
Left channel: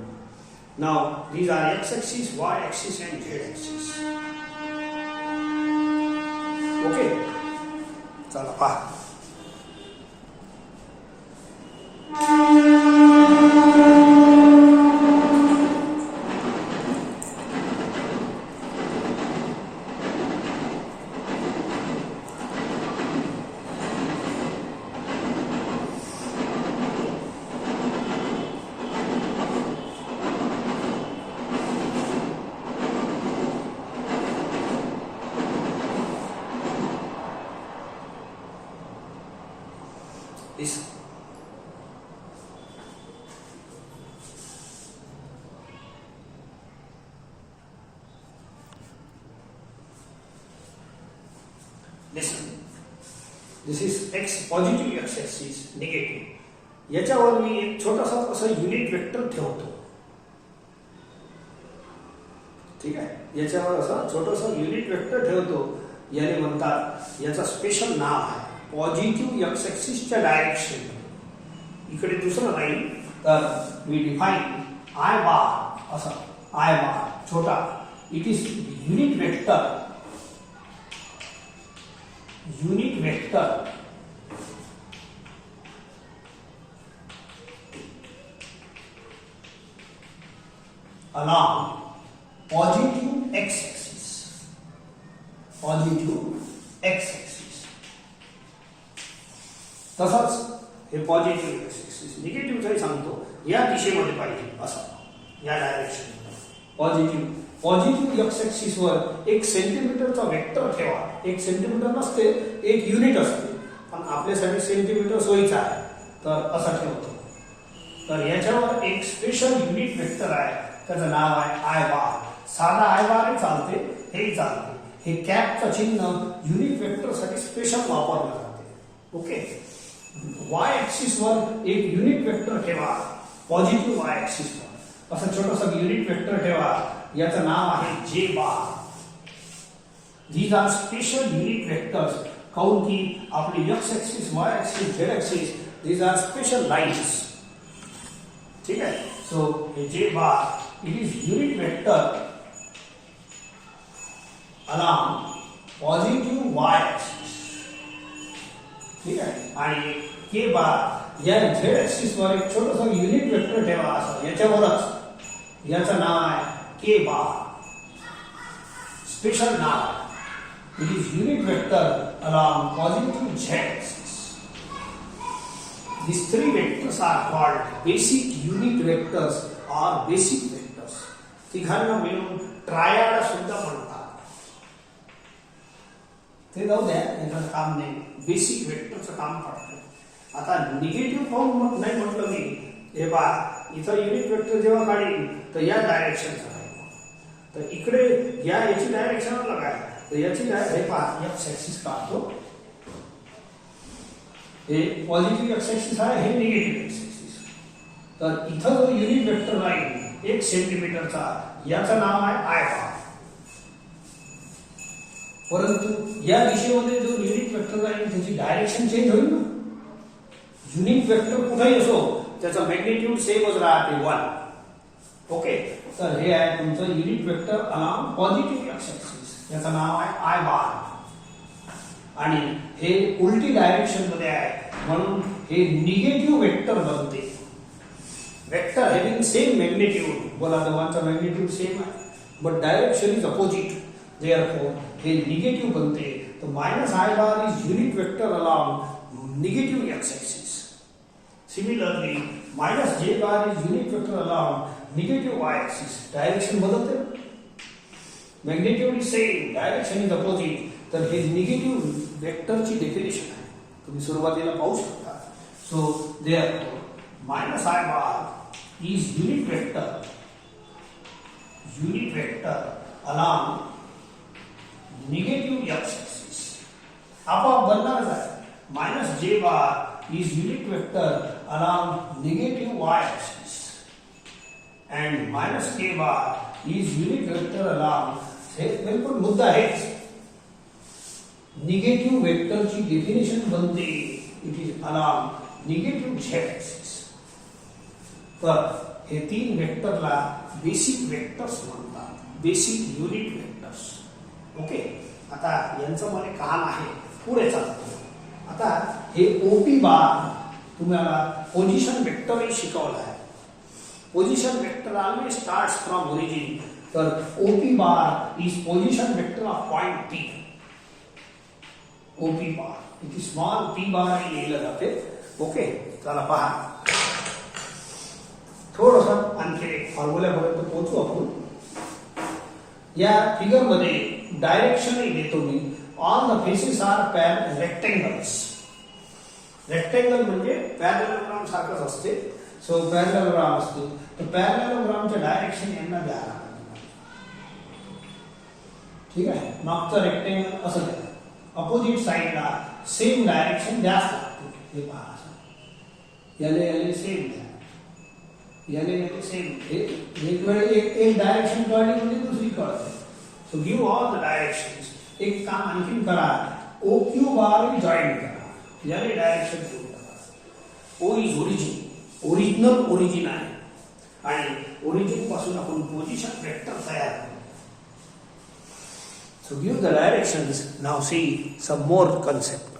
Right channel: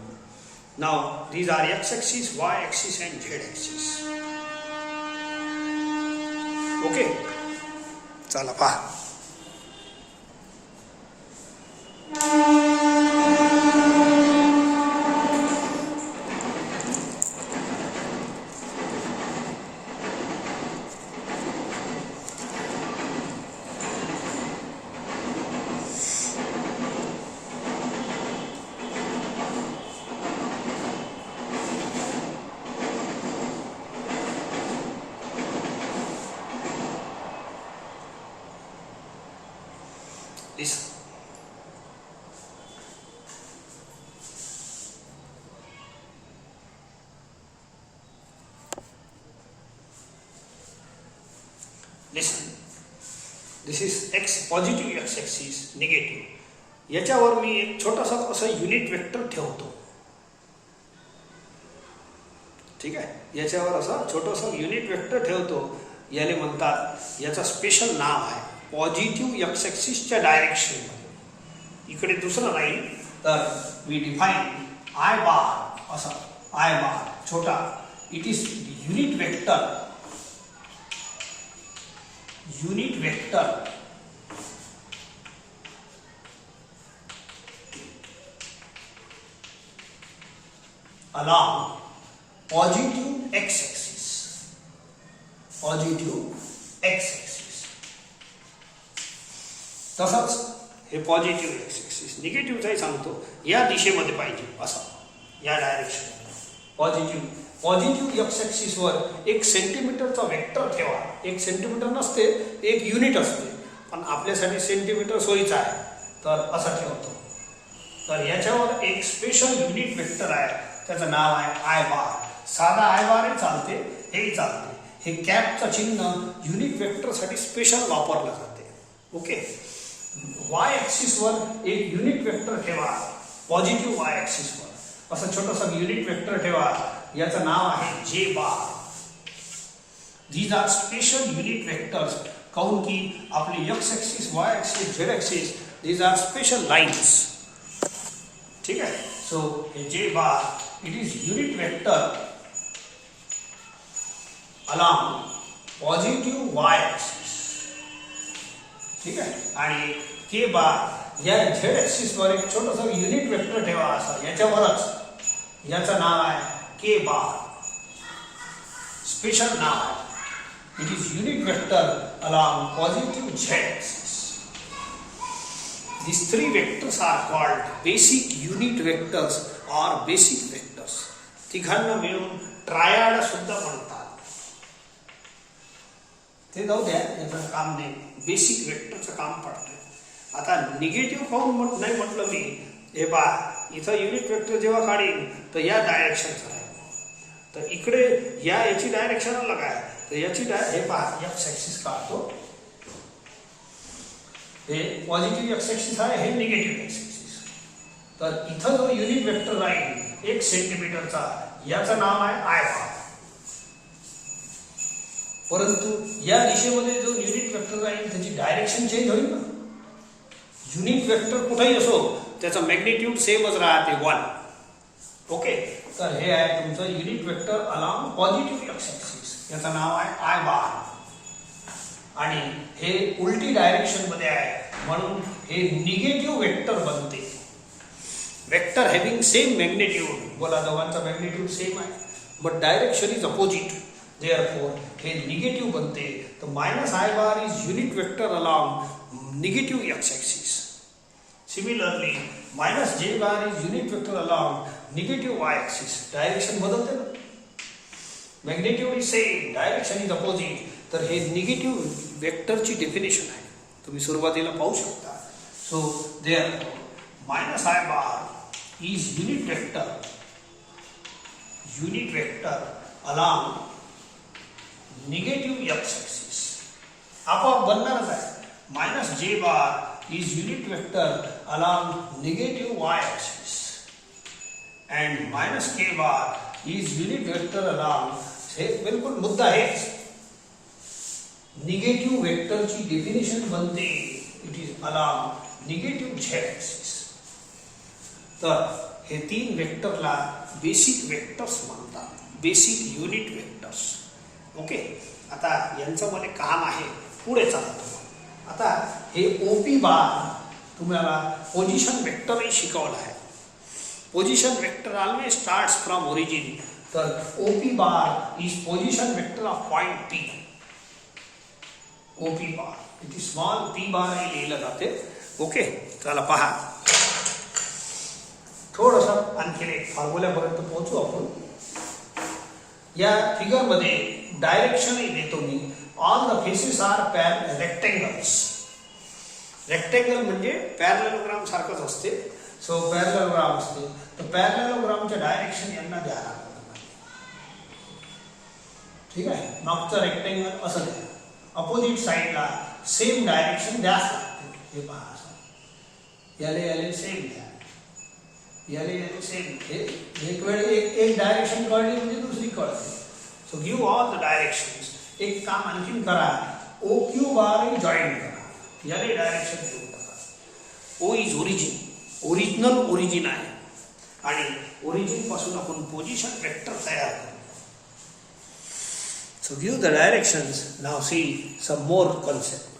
Now these are X axis, Y axis and Z axis. Okay, चला पहा. Listen. Listen. This is x positive x axis, negative. याच्यावर मी एक छोटासा असं युनिट वेक्टर ठेवतो. ठीक आहे, याच्यावर असं छोटंसं युनिट वेक्टर ठेवतो. याला म्हणतात, याचा स्पेशल नाव आहे पॉझिटिव्ह एक्स ॲक्सिसच्या डायरेक्शन. इकडे दुसरं राहील तर वी डिफाइन आय बार. असं आय बार छोटा, it is unit vector. Unit vector along positive x axis. Positive x axis. तसंच हे पॉझिटिव्ह एक्स ॲक्सिस, निगेटिव्हचाही सांगतो, या दिशेमध्ये पाहिजे असं, या डायरेक्शन. पॉझिटिव्ह एक्स ॲक्सिसवर 1 सेंटीमीटरचा वेक्टर ठेवा. 1 सेंटीमीटर नसते, 1 युनिट असते, पण आपल्यासाठी सेंटीमीटर सोयीचा आहे, तर असा ठेवतो. तर याच्यावर एक स्पेशल युनिट वेक्टर आहे, त्याचं नाव आहे आय बार. साधा आय बार चालते, हेही चालते. हे कॅपचं चिन्ह युनिट वेक्टरसाठी स्पेशल वापरलं जाते. ओके, वाय ॲक्सिसवर एक युनिट वेक्टर ठेवा, पॉझिटिव्ह वाय ॲक्सिसवर असं छोटंसं युनिट वेक्टर ठेवा. याचं नाव आहे J bar. These are special unit vectors. काऊन की आपले X axis, Y axis, Z axis, these are special lines. ठीक आहे, सो हे J bar it is unit vector along positive Y axis. ठीक आहे, आणि के बार या झेड ॲक्सिसवर एक छोटंसं युनिट वेक्टर ठेवा असं याच्यावरच. याचं नाव आहे के बार. स्पेशल नाव, it is unit vector along positive Z axis. These 3 vectors are called basic unit vectors or basic vectors. तिघांना मिळून ट्रायड सुद्धा म्हणतात. ते जाऊ द्या, याचं काम नाही, बेसिक वेक्टरचं काम पडतं. आता निगेटिव्ह काऊन नाही म्हटलं मी, हे पहा, इथं युनिट वेक्टर जेव्हा काढीन तर या डायरेक्शनचं राहील, तर इकडे याची डायरेक्शन अलग आहे, तर याची हे पहा, एक्स ॲक्सिस काढतो. हे पॉझिटिव्ह एक्स ॲक्सिस आहे, हे निगेटिव्ह एक्स ॲक्सिस. तर इथं जो युनिट वेक्टर राहील 1 सेंटीमीटरचा, याचं नाव आहे आय बार. परंतु या दिशेमध्ये जो युनिट वेक्टर राहील त्याची डायरेक्शन चेंज होईल ना. युनिट वेक्टर कुठेही असो, त्याचा मॅग्निट्यूड सेमच राहते 1. ओके, तर हे आहे तुमचं unit vector along positive x axis. याचं नाव आहे आय बार. आणि हे उलटी डायरेक्शन मध्ये आहे, म्हणून हे निगेटिव्ह वेक्टर बनते. वेक्टर हॅव्हिंग सेम मॅग्निट्यूड, बोला दोघांचा मॅग्निट्यूड सेम आहे, but direction is opposite. Therefore, हे निगेटिव्ह बनते. तर minus I bar is unit vector along negative X axis. Similarly, minus J bar is unit vector along negative Y axis. Direction बदलते ना, magnitude is same, direction is opposite. तर हे negative वेक्टरची definition आहे, तुम्ही सुरुवातीला पाहू शकता. So there minus I bar is unit vector along negative X axis. आपोआप बनणारच आहे. Minus J bar is unit vector along negative Y axis and minus K bar is unit vector along, हे बिलकुल मुद्दा हेच, निगेटिव्ह वेक्टरची definition बनते it is along negative Z axis. तर हे तीन वेक्टरला बेसिक वेक्टर्स म्हणतात, बेसिक युनिट वेक्टर्स. ओके, आता यांचं मला काम आहे, पुढे चालतो. आता हे ओपी बार तुम्हाला पोझिशन वेक्टरही शिकवलं आहे. Position vector always starts from origin. तर OP bar is position vector of point P. OP bar इथे स्मॉल पी बार हे लिहिलं जाते. ओके, चला पहा, थोडस आणखी एक फॉर्म्युल्यापर्यंत पोहोचू आपण. या फिगर मध्ये डायरेक्शन देतो मी. All the faces are rectangles. Rectangle म्हणजे पॅरलेलोग्राम सारखंच असते. सो पॅरलेलोग्राम असतो, तर पॅरलेलोग्रामच्या डायरेक्शन यांना द्या. ठीक आहे, मागचं रेक्टेंगल असं द्या, अपोजिट साइडला सेम डायरेक्शन द्याच लागते. हे पहा, याले सेम द्या, याले सेम. एक वेळ एक डायरेक्शन कळली म्हणजे दुसरी कळते. So give all the directions. एक काम आणखीन करा, ओ क्यू बार जॉईन करा, याले डायरेक्शन देऊ टाका. O is origin, original origin आहे आणि ओरिजिन पासून आपण पोझिशन वेक्टर तयार करू. So give the directions. Now see some more concept.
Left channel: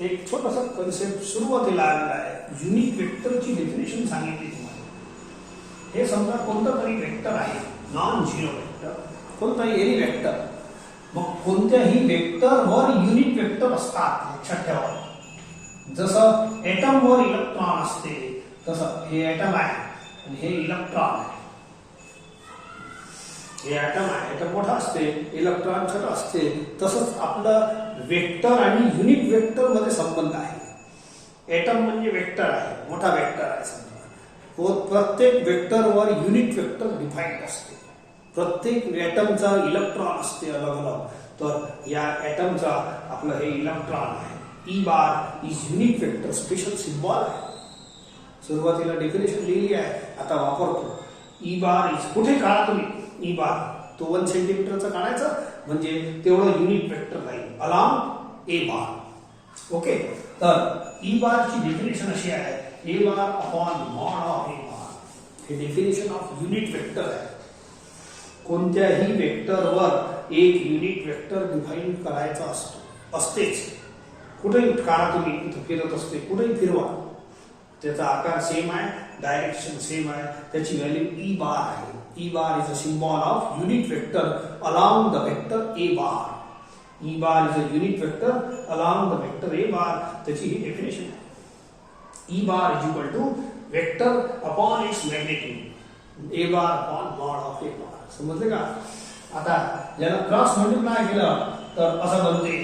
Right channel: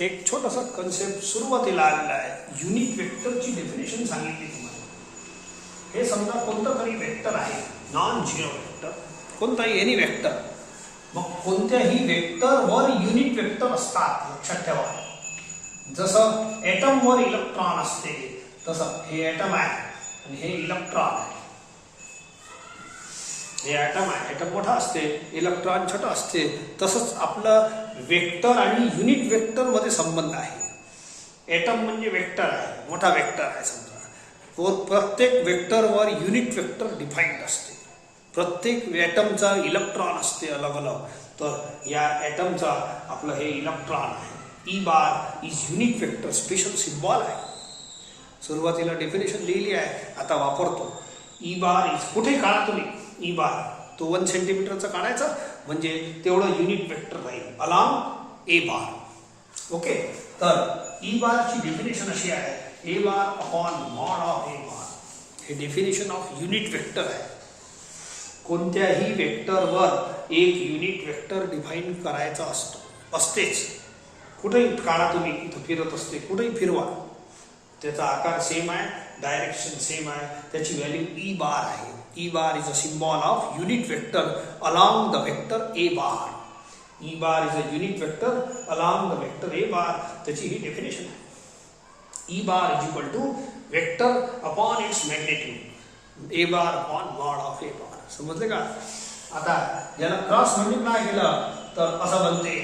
एक छोटासा कन्सेप्ट सुरुवातीला आलेला आहे. युनिट वेक्टरची डेफिनेशन सांगितली तुम्हाला. हे समजा कोणतं तरी वेक्टर आहे, नॉन झिरो वेक्टर, कोणताही एनी वेक्टर. मग कोणत्याही वेक्टरवर युनिट वेक्टर असतात, लक्षात ठेवा. जसं एटमवर इलेक्ट्रॉन असते तसं हे एटम आहे आणि हे इलेक्ट्रॉन आहे. हे ॲटम आहे, ॲटम मोठा असते, इलेक्ट्रॉन छोटा असते. तसंच आपलं वेक्टर आणि युनिट वेक्टर मध्ये संबंध आहे. ॲटम म्हणजे वेक्टर आहे, मोठा वेक्टर आहे समजा. प्रत्येक वेक्टरवर युनिट वेक्टर डिफाईन्ड असते. प्रत्येक ॲटमचा इलेक्ट्रॉन असते अलग अलग. तर या ॲटमचा आपलं हे इलेक्ट्रॉन आहे. E bar is unit vector, special symbol आहे. सुरुवातीला डेफिनेशन लिहिली आहे, आता वापरतो. ई बार इज, कुठे काढा तुम्ही ई बार, तो 1 सेंटीमीटरचा काढायचा म्हणजे तेवढं युनिट वेक्टर राहील अलॉंग ए बार. ओके, तर ई बारची डेफिनेशन अशी आहे, ए बार अपॉन मॉड ऑफ ए बार. हे डेफिनेशन ऑफ युनिट वेक्टर आहे. कोणत्याही वेक्टरवर एक युनिट वेक्टर डिफाईन करायचा असतेच. कुठेही काढा तुम्ही, इथं फिरत असते, कुठेही फिरवा, त्याचा आकार सेम आहे, डायरेक्शन सेम आहे, त्याची व्हॅल्यू ई बार आहे. E bar is a symbol of unit vector along the vector A bar. E bar is a unit vector along the vector A bar. त्याची ही डेफिनेशन आहे. E bar is equal to vector upon its magnitude. A bar upon mod of A bar. समजले का? आता याला cross multiply केलं तर असं बनते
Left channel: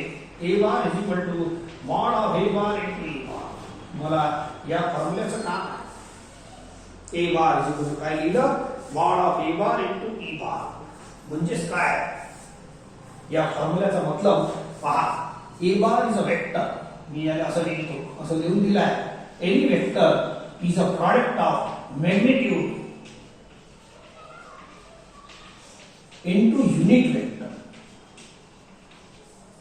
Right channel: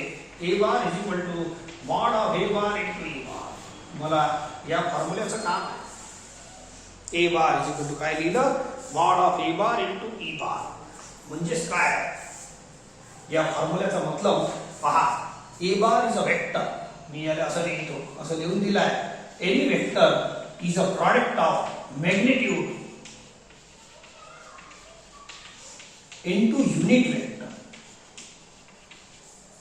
A bar is equal to mod of A bar into E bar. मला या फॉर्म्युल्याचं काम आहे. A bar is equal to काय लिहिलं? mod of A bar into E bar. म्हणजेच काय, या फॉर्म्युल्याचा मतलब पहा. A bar is a vector, मी याला असं लिहितो, असं लिहून दिलाय. Any vector is a product of magnitude into unit vector.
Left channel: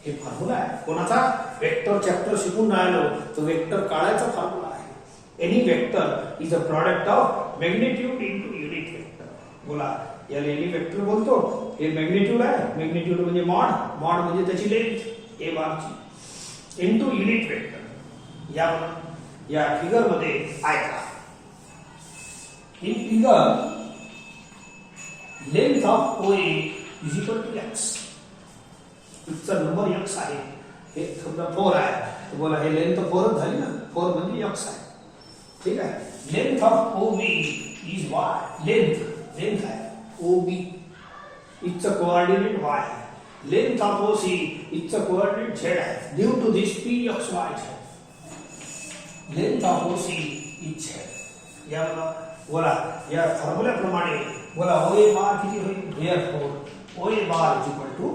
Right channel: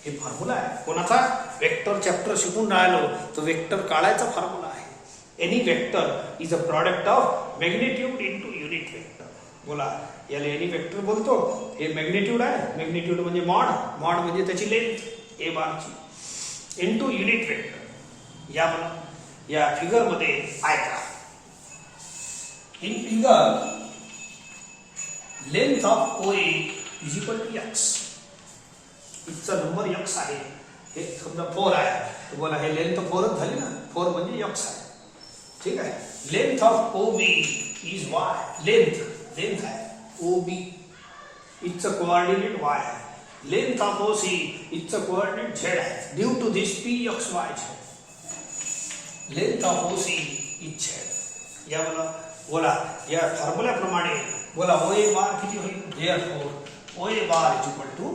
हे फॉर्म्युला आहे कोणाचा? वेक्टर चॅप्टर शिकून राहिलो तो वेक्टर काढायचा फॉर्म्युला आहे. Any vector is a product of magnitude into unit vector. बोला, याला एनी वेक्टर बोलतो. हे मॅग्निट्यूड आहे, मॅग्निट्यूड म्हणजे मॉड, मॉड म्हणजे त्याची लेंथ ए बारची, इनटू युनिट वेक्टर. या फिगर मध्ये ऐका. In figure length of OA is equal to x. इथचा नंबर x आहे, हे समजा 4 आहे, तो बोला हे लेंथ 4 झाली ना, 4 म्हणजे x आहे. ठीक आहे. Length of OB is y. Length आहे OB, it's a coordinate y. Length of OC it's a coordinate z आहे. ड्यू टू दिस PXY आहे. Length of OC is z. या बोला या फॉर्म्युल्याप्रमाणे बोला OA बार किती होईल? Therefore OA bar is equal to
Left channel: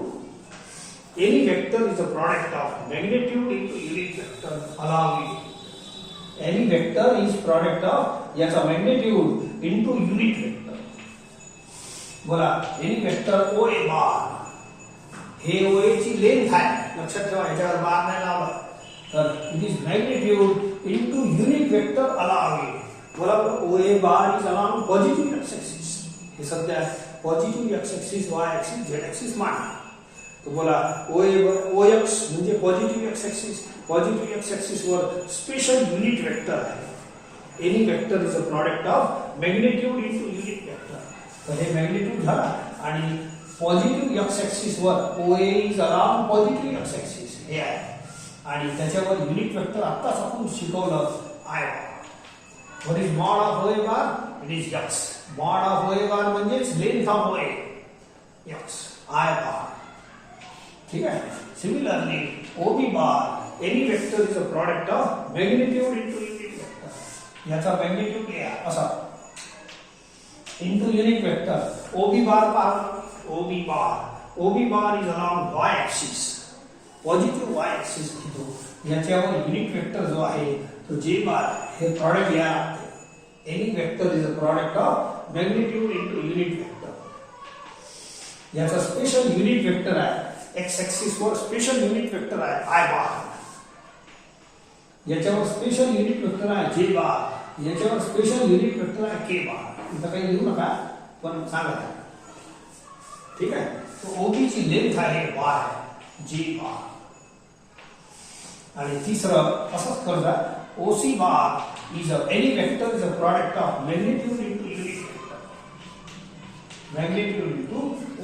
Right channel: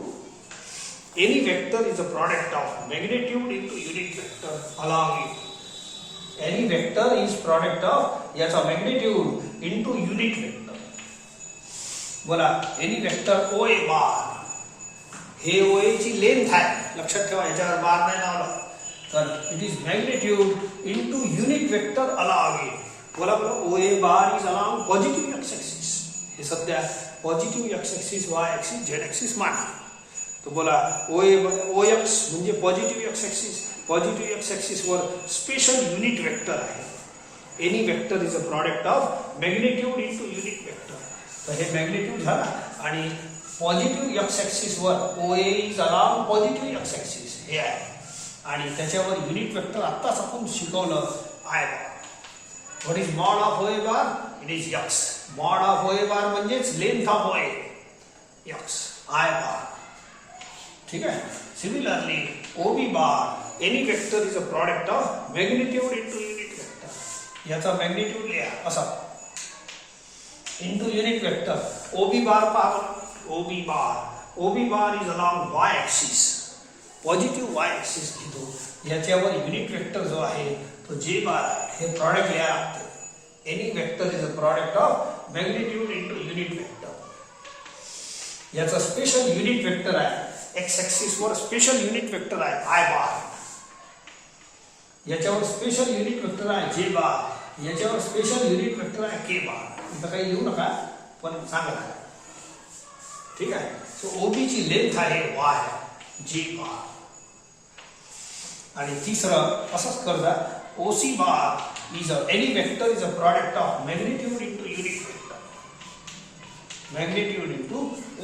any vector is a product of magnitude into unit vector along it. Any vector is product of याचा magnitude into unit vector. बोला any vector OA बार, हे OA ची length आहे, लक्षात ठेवा, याच्यावर बार नाही लावला, तर it is magnitude into unit vector along it. बोला OA bar is along positive x axis. हे सध्या positive x axis, y axis, z axis माना. तो बोला OX म्हणजे positive x axis. Positive x axis वर स्पेशल युनिट वेक्टर आहे. Any vector is a product of magnitude into unit vector. तर हे मॅग्निट्यूड झाला आणि पॉझिटिव्ह x axis वर OA is around positive x axis हे आहे आणि त्याच्यावर युनिट वेक्टर आत्ताच आपण शिकवलं I bar. What is mod of OA bar? It is x. Mod of OA बार म्हणजेच length of OA x I बार. ठीक है. Similarly, OB bar, any vector is a product of magnitude into unit vector. याचा magnitude लिहा असा into unit vector. OB bar is along y axis, positive y axis घेतो. याच्यावर unit vector जो आहे तो J bar हे product लिहा लागते. Any vector is a product of magnitude into unit vector. याचा special unit vector आहे. एक्स ऍक्सिस वर स्पेशल युनिट वेक्टर आहे I बार. याच्यावर स्पेशल युनिट वेक्टर आहे J बार. याच्यावर स्पेशल युनिट वेक्टर आहे K बार. इथं काही लिहू नका पण सांगा. ठीक आहे. सो OB ची लेंथ आहे y J बार. आणि तिसरं असंच करजा OC bar is a any vector is a product of magnitude into unit vector. Magnitude into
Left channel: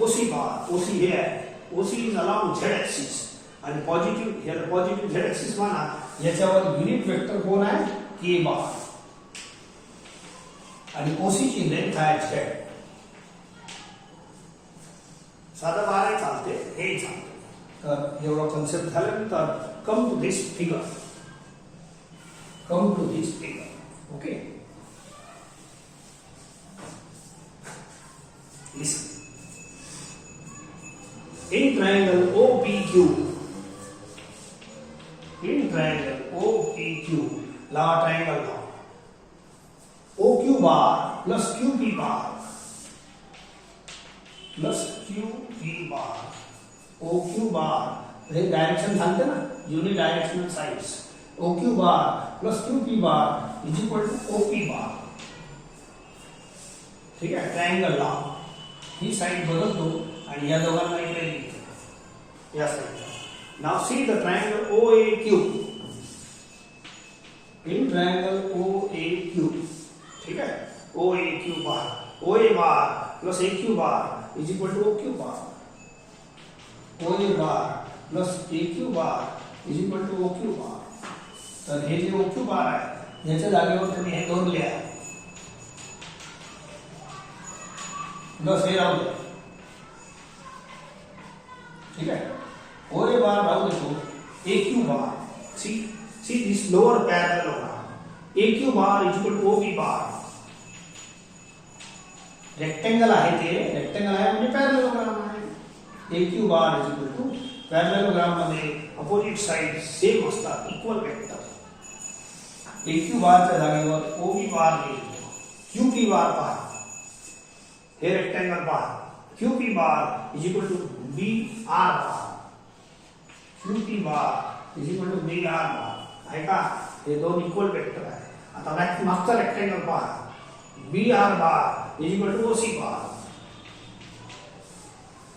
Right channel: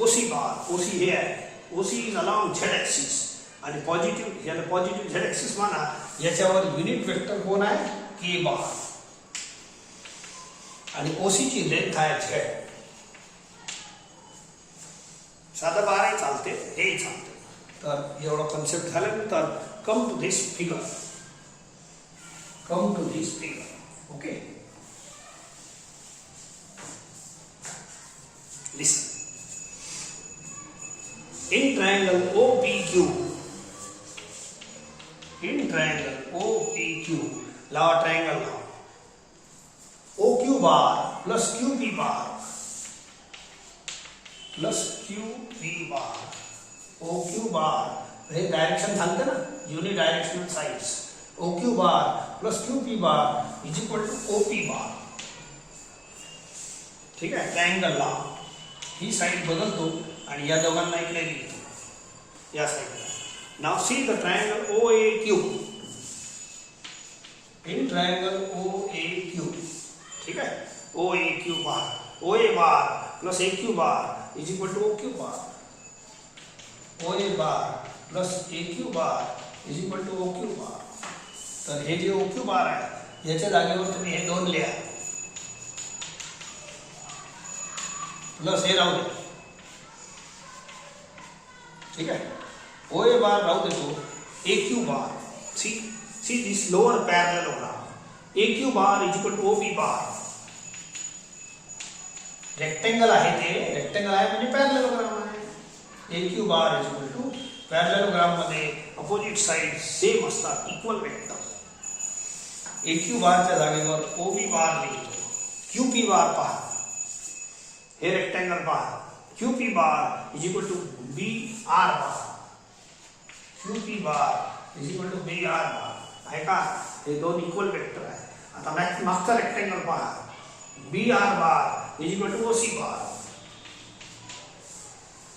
OC bar. OC हे आहे. OC is along z axis आणि पॉझिटिव्ह याला पॉझिटिव्ह z axis माना. याच्यावर युनिट वेक्टर कोण आहे? K बार. आणि OC ची लेंथ आहे z. साधा बार चालते, हे चालते. तर एवढा कन्सेप्ट झाल्यानंतर come to this figure. Okay. Listen. In triangle OPQ, लावा ट्रायंगल का OQ bar plus QP bar OQ bar हे डायरेक्शन सांगते ना, unidirectional sides. OQ bar plus QP bar is equal to OP bar. ठीक आहे. Triangle ला ही side बदलतो आणि या दोघांना इकडे लिहितो या साइडला. Now see the triangle OAQ. In triangle OAQ. ठीक है. OAQ bar, OA bar plus AQ bar is equal to OQ bar. OA bar plus AQ bar is equal to OQ bar. तर हे जे OQ बार आहे याच्या जागेवर तुम्ही हे दोन लिहा प्लस हे राहू दे. ठीक है. OA बार राहू देतो. AQ bar, see this lower parallelogram. AQ bar is equal to OB bar. Rectangle आहे ते, रेक्टेंगल आहे म्हणजे पॅरलेलोग्राम आहे. AQ bar is equal to parallelogram मध्ये अपोजिट साइड सेम असतात, इक्वल वेक्टर. AQ बारच्या जागेवर OB बार लिहितो. QP बार पहा, हे rectangle bar. QP bar is equal to BR bar. QP bar is equal to BR बार. आहे का? हे दोन इक्वल वेक्टर आहे. आता मागचा रेक्टेंगल पहा. BR bar is equal to OC बार.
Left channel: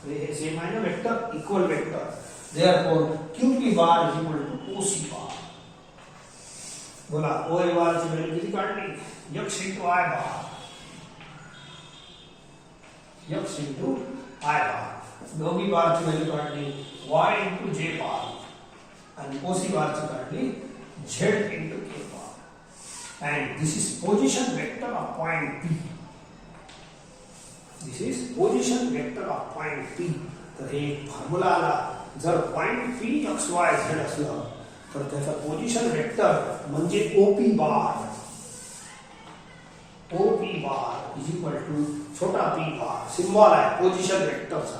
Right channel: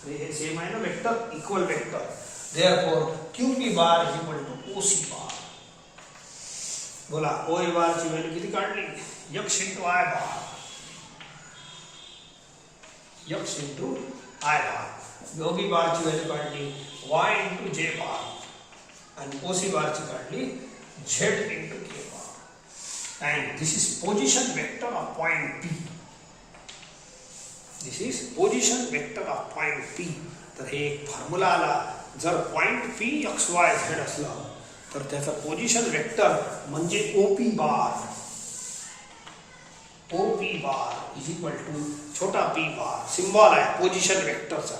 हे सेम आहे ना vector, equal vector. Therefore QP bar is equal to OC बार. बोला OA बार ची व्हॅल्यू किती काढली? x into I bar. x into I bar. OB बार ची व्हॅल्यू काढली y into J बार. आणि ओसी बारची काढली Z into K bar and this is position vector of point P. This is position vector of point P. तर हे एक formula आला. जर point P X Y Z असलं तर त्याचा पोझिशन वेक्टर म्हणजे OP bar. OP bar is equal to छोटा पी बार. सिम्बॉल आहे पोझिशन वेक्टरचा.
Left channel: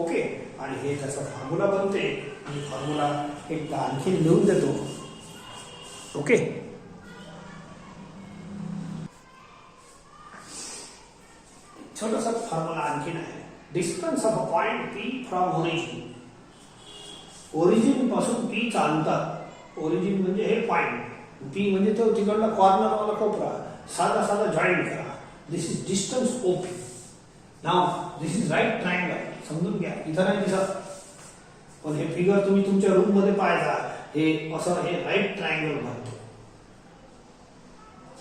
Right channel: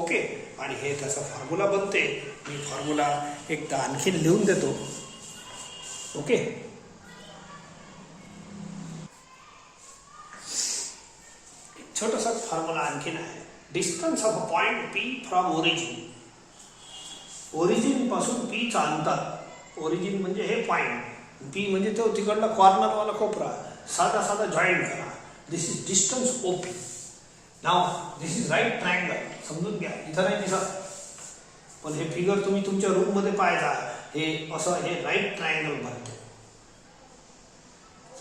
ओके. आणि हे त्याचा फॉर्म्युला बनते. मी फॉर्म्युला एकदा आणखी लिहून देतो. ओके. छोटासा फॉर्म्युला आणखीन आहे. Distance of point P from origin. Origin पासून पी चा अंतर. ओरिजिन म्हणजे हे पॉइंट. पी म्हणजे तो तिकडला कॉर्नर वाला कोपरा. साधा साधा जॉईंट करा. This is distance OP. Now this is right triangle. समजून घ्या. इथं नाही दिसत पण हे फिगर तुम्ही तुमच्या रूम मध्ये पाहायचा. हे असं हे राईट ट्रायंगल बनतो.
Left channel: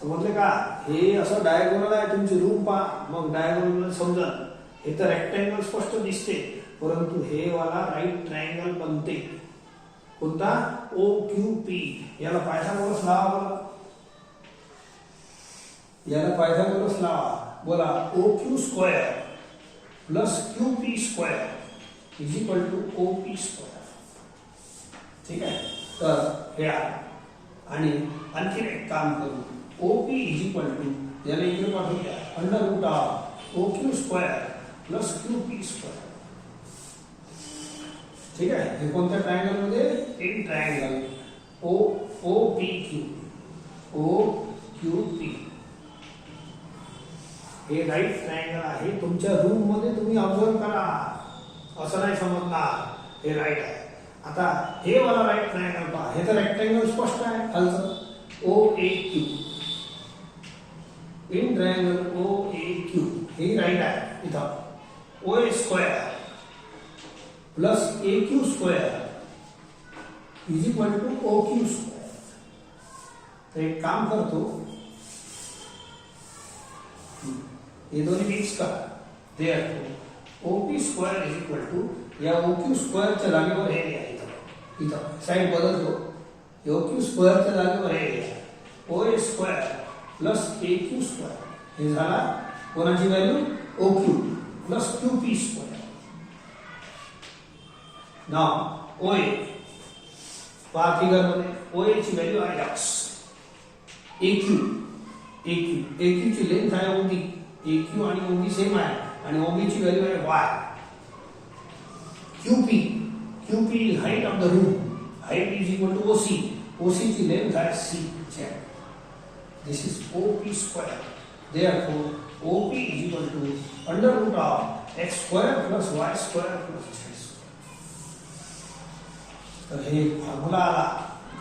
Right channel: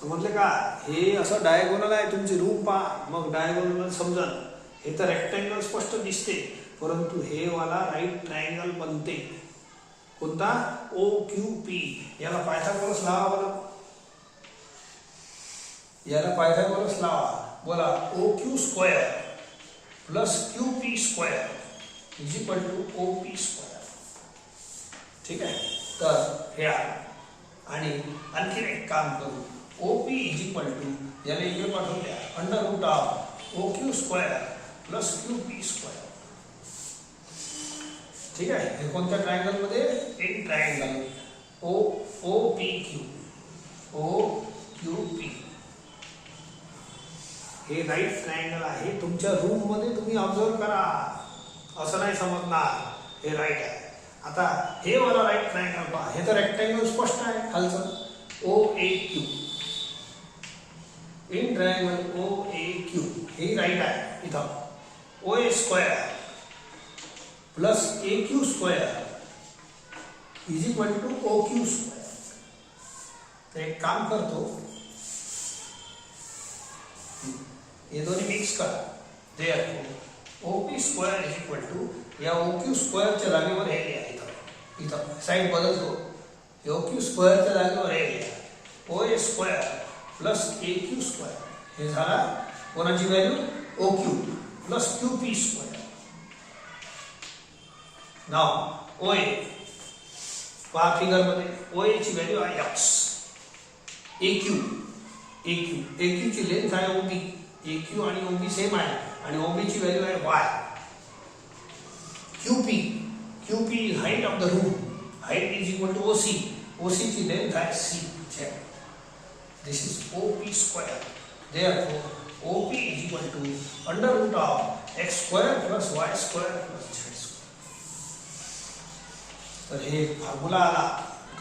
समजले का. हे असं डायगोनल आहे. तुमची रूम पहा मग डायगोनल समजल. हे तर रेक्टँगल स्पष्ट दिसते परंतु हे वाला राईट ट्रायंगल बनते. कोणता ओ क्यू पी. याला पायथागोरस लावा बरं. याला पायथागोरस लावा. बोला O Q square plus Q P square is equal to O P square. ठीक आहे. तर हे आहे. आणि आणखी एक काम करू. OP इज इक्वल टू याला इकडे पाठवून द्या. Under root of O Q square plus Q P square. ठीक आहे. हे कोणत्या ट्रायंगल मध्ये. In triangle O P Q. O Q P हे राईट ट्रायंगल आहे. तुमच्या रूम मध्ये तुम्ही ऑब्झर्व करा. असं नाही समजणार. हे राईट आहे. आता हे वाला राईट ट्रायंगल पहा. हे तर रेक्टँगल स्पष्ट आहे खालचं. O A Q. In triangle O A Q हे राईट आहे. इथं O A square plus A Q square is equal to O Q square. तर एक काम करतो. हे दोन्ही मिक्स करा. Therefore O P square is equal to या ओ क्यू स्क्वेअरच्या जागेवर हे लिहा. इथं इथं साईड बदलतो. ओ क्यू स्क्वेअरच्या जागेवर हे लिहा. O A square plus A Q square. हे झाला कोणाची value O Q plus Q P square. Now O A पहा फिगर मध्ये. ओ ए ची व्हॅल्यू आहे एक्स. ए क्यू ची लेंथ आहे ओबी. ए क्यू आणि ओबी सेम आहे आणि ओबी ची व्हॅल्यू आहे Y. Q P is height of the room. Height is equal to O C. O C ची लेंथ आहे C. This is OP square. Therefore, OP is equal to under root of x square plus y square plus z square. तर हे formula आला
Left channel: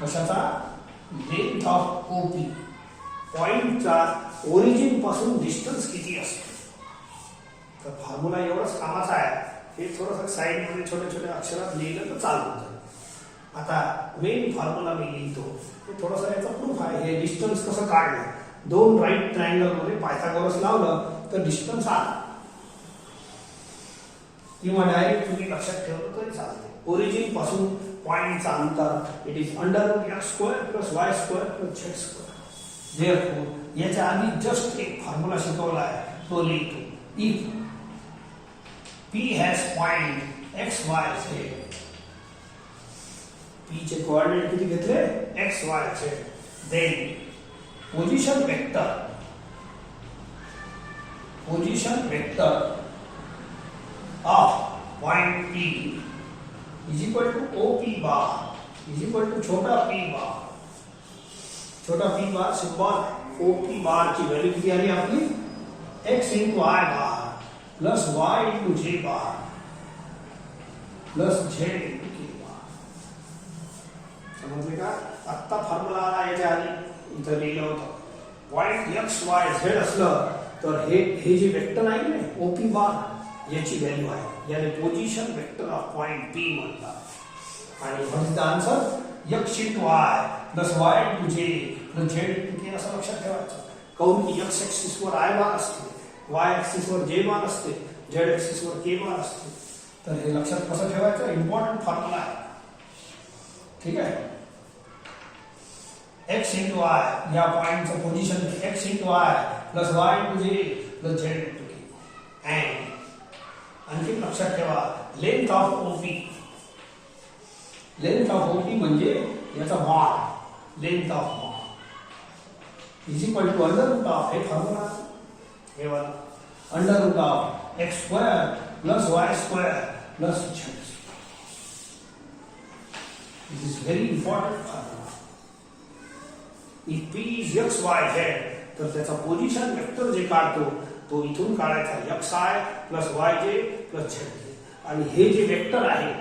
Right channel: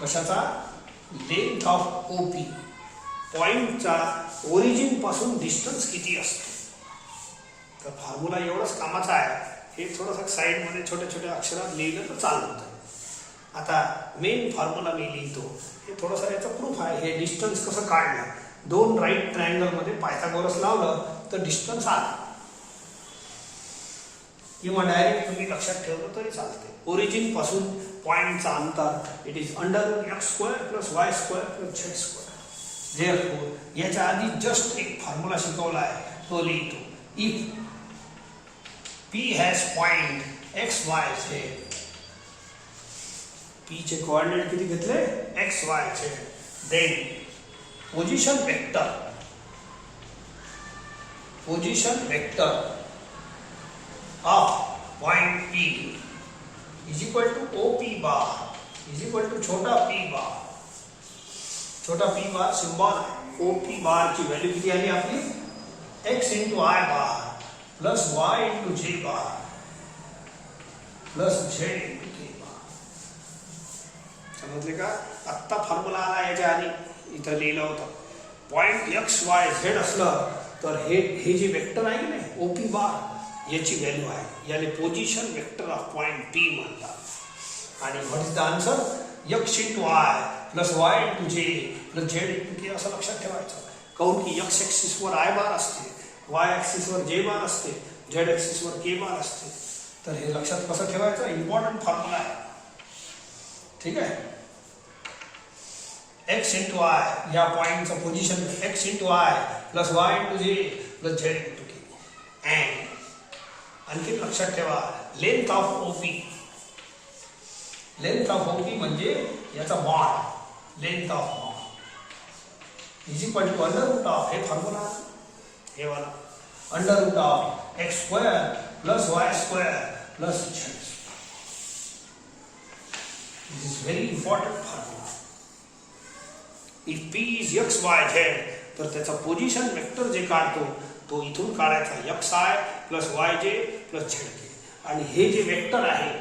कशाचा. Length of OP. पॉइंटचा origin पासून distance किती असते. तर फॉर्म्युला एवढंच कामाचा आहे. हे थोडंसं साईड मध्ये छोट्या छोट्या अक्षरात लिहिलं तर चालतं. आता मेन फॉर्म्युला मी लिहितो. हे थोडंसं याचा प्रूफ आहे. हे डिस्टन्स कसं काढलं. दोन राईट ट्रायंगल मध्ये पायथागोरस लावलं तर डिस्टन्स आला. किंवा डायरेक्ट तुम्ही लक्षात ठेवलं तरी चालते. ओरिजिन पासून पॉइंटचा अंतर it is under root X square plus Y square plus Z square. Therefore याच्या आधी जस्ट एक फॉर्म्युला शिकवला आहे तो लिहितो. If P has point X Y Z. P चे कोऑर्डिनेट किती घेतले X Y Z. Then position vector of point P is equal to O P bar is equal to छोटा पी बार. छोटा P bar symbol. O P bar ची value किती आली आपली x into I bar plus y into जे बार plus Z into K बार. समजले का. आत्ता फॉर्म्युला आला. याच्या आधी इथं लिहिलं होतं. पॉइंट एक्स वाय झेड असलं तर हे जे वेक्टर आहे ना ओपी बार याची व्हॅल्यू आहे. याने position vector of point P म्हणतात. आणि what is the answer x into Y plus y into J plus Z into के असं लक्षात ठेवायचं. काऊन की एक्स ऍक्सिस वर आय बार असते. वाय ऍक्सिस वर जे बार असते. झेड ऍक्सिस वर के बार असते. तर हे लक्षात कसं ठेवायचं. इम्पॉर्टंट फॉर्म्युला आहे. ठीक आहे. x इंटू आय या पॉइंटचं position x into I plus y into J plus z into K. And आणखी लक्षात ठेवा length of OP. Length of OP म्हणजे याचा mod, length of mod is equal to under root of, हे formula हे वाला, under root of X square plus Y square plus z. This is very important formula. If P is x, y, z, तर त्याचा position vector जे काढतो तो इथून काढायचा xi plus yj plus zj. आणि हे जे वेक्टर आहे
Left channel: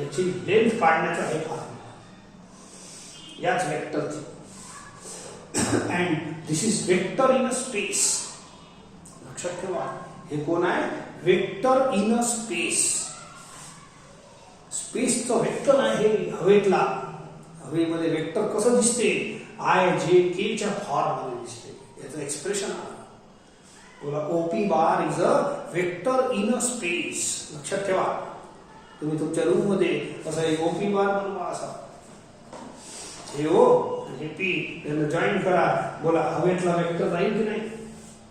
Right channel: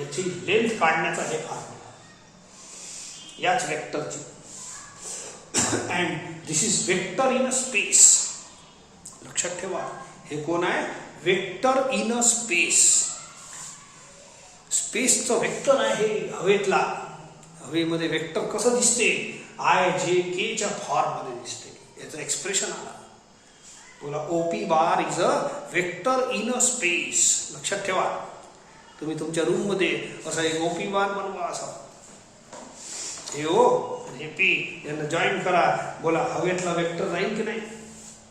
याची लेंथ काढण्याचा हे फॉर्म्युला याच वेक्टरची. And this is vector in a space. लक्षात ठेवा हे कोण आहे? Vector in a space. स्पेसचं वेक्टर आहे हवेतला. हवेमध्ये वेक्टर कसं दिसते? आय जे के च्या फॉर्म मध्ये दिसते. याचं एक्सप्रेशन आहे बोला OP bar is a vector in a space. लक्षात ठेवा तुम्ही तुमच्या रूम मध्ये असा एक ओपी बार बनवा. असा हे ओ हे पी यांना जॉईन करा. बोला हवेतला वेक्टर राहील की नाही?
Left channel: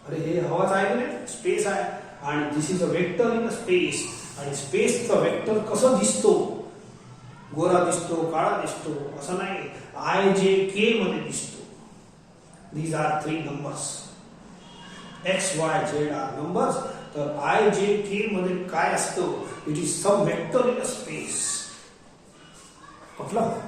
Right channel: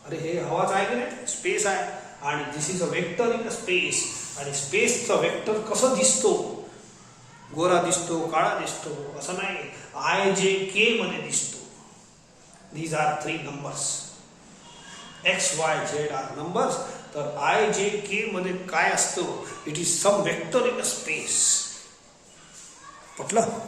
अरे हे हवाच आहे की नाही? स्पेस आहे. आणि this is a vector in a space. आणि स्पेसचा वेक्टर कसं दिसतो? गोरा दिसतो, काळा दिसतो असं नाही. आय जे के मध्ये दिसतो. These are 3 numbers. X Y Z are numbers. तर आय जे के मध्ये काय असतं? It is some vector in a space. पटलं?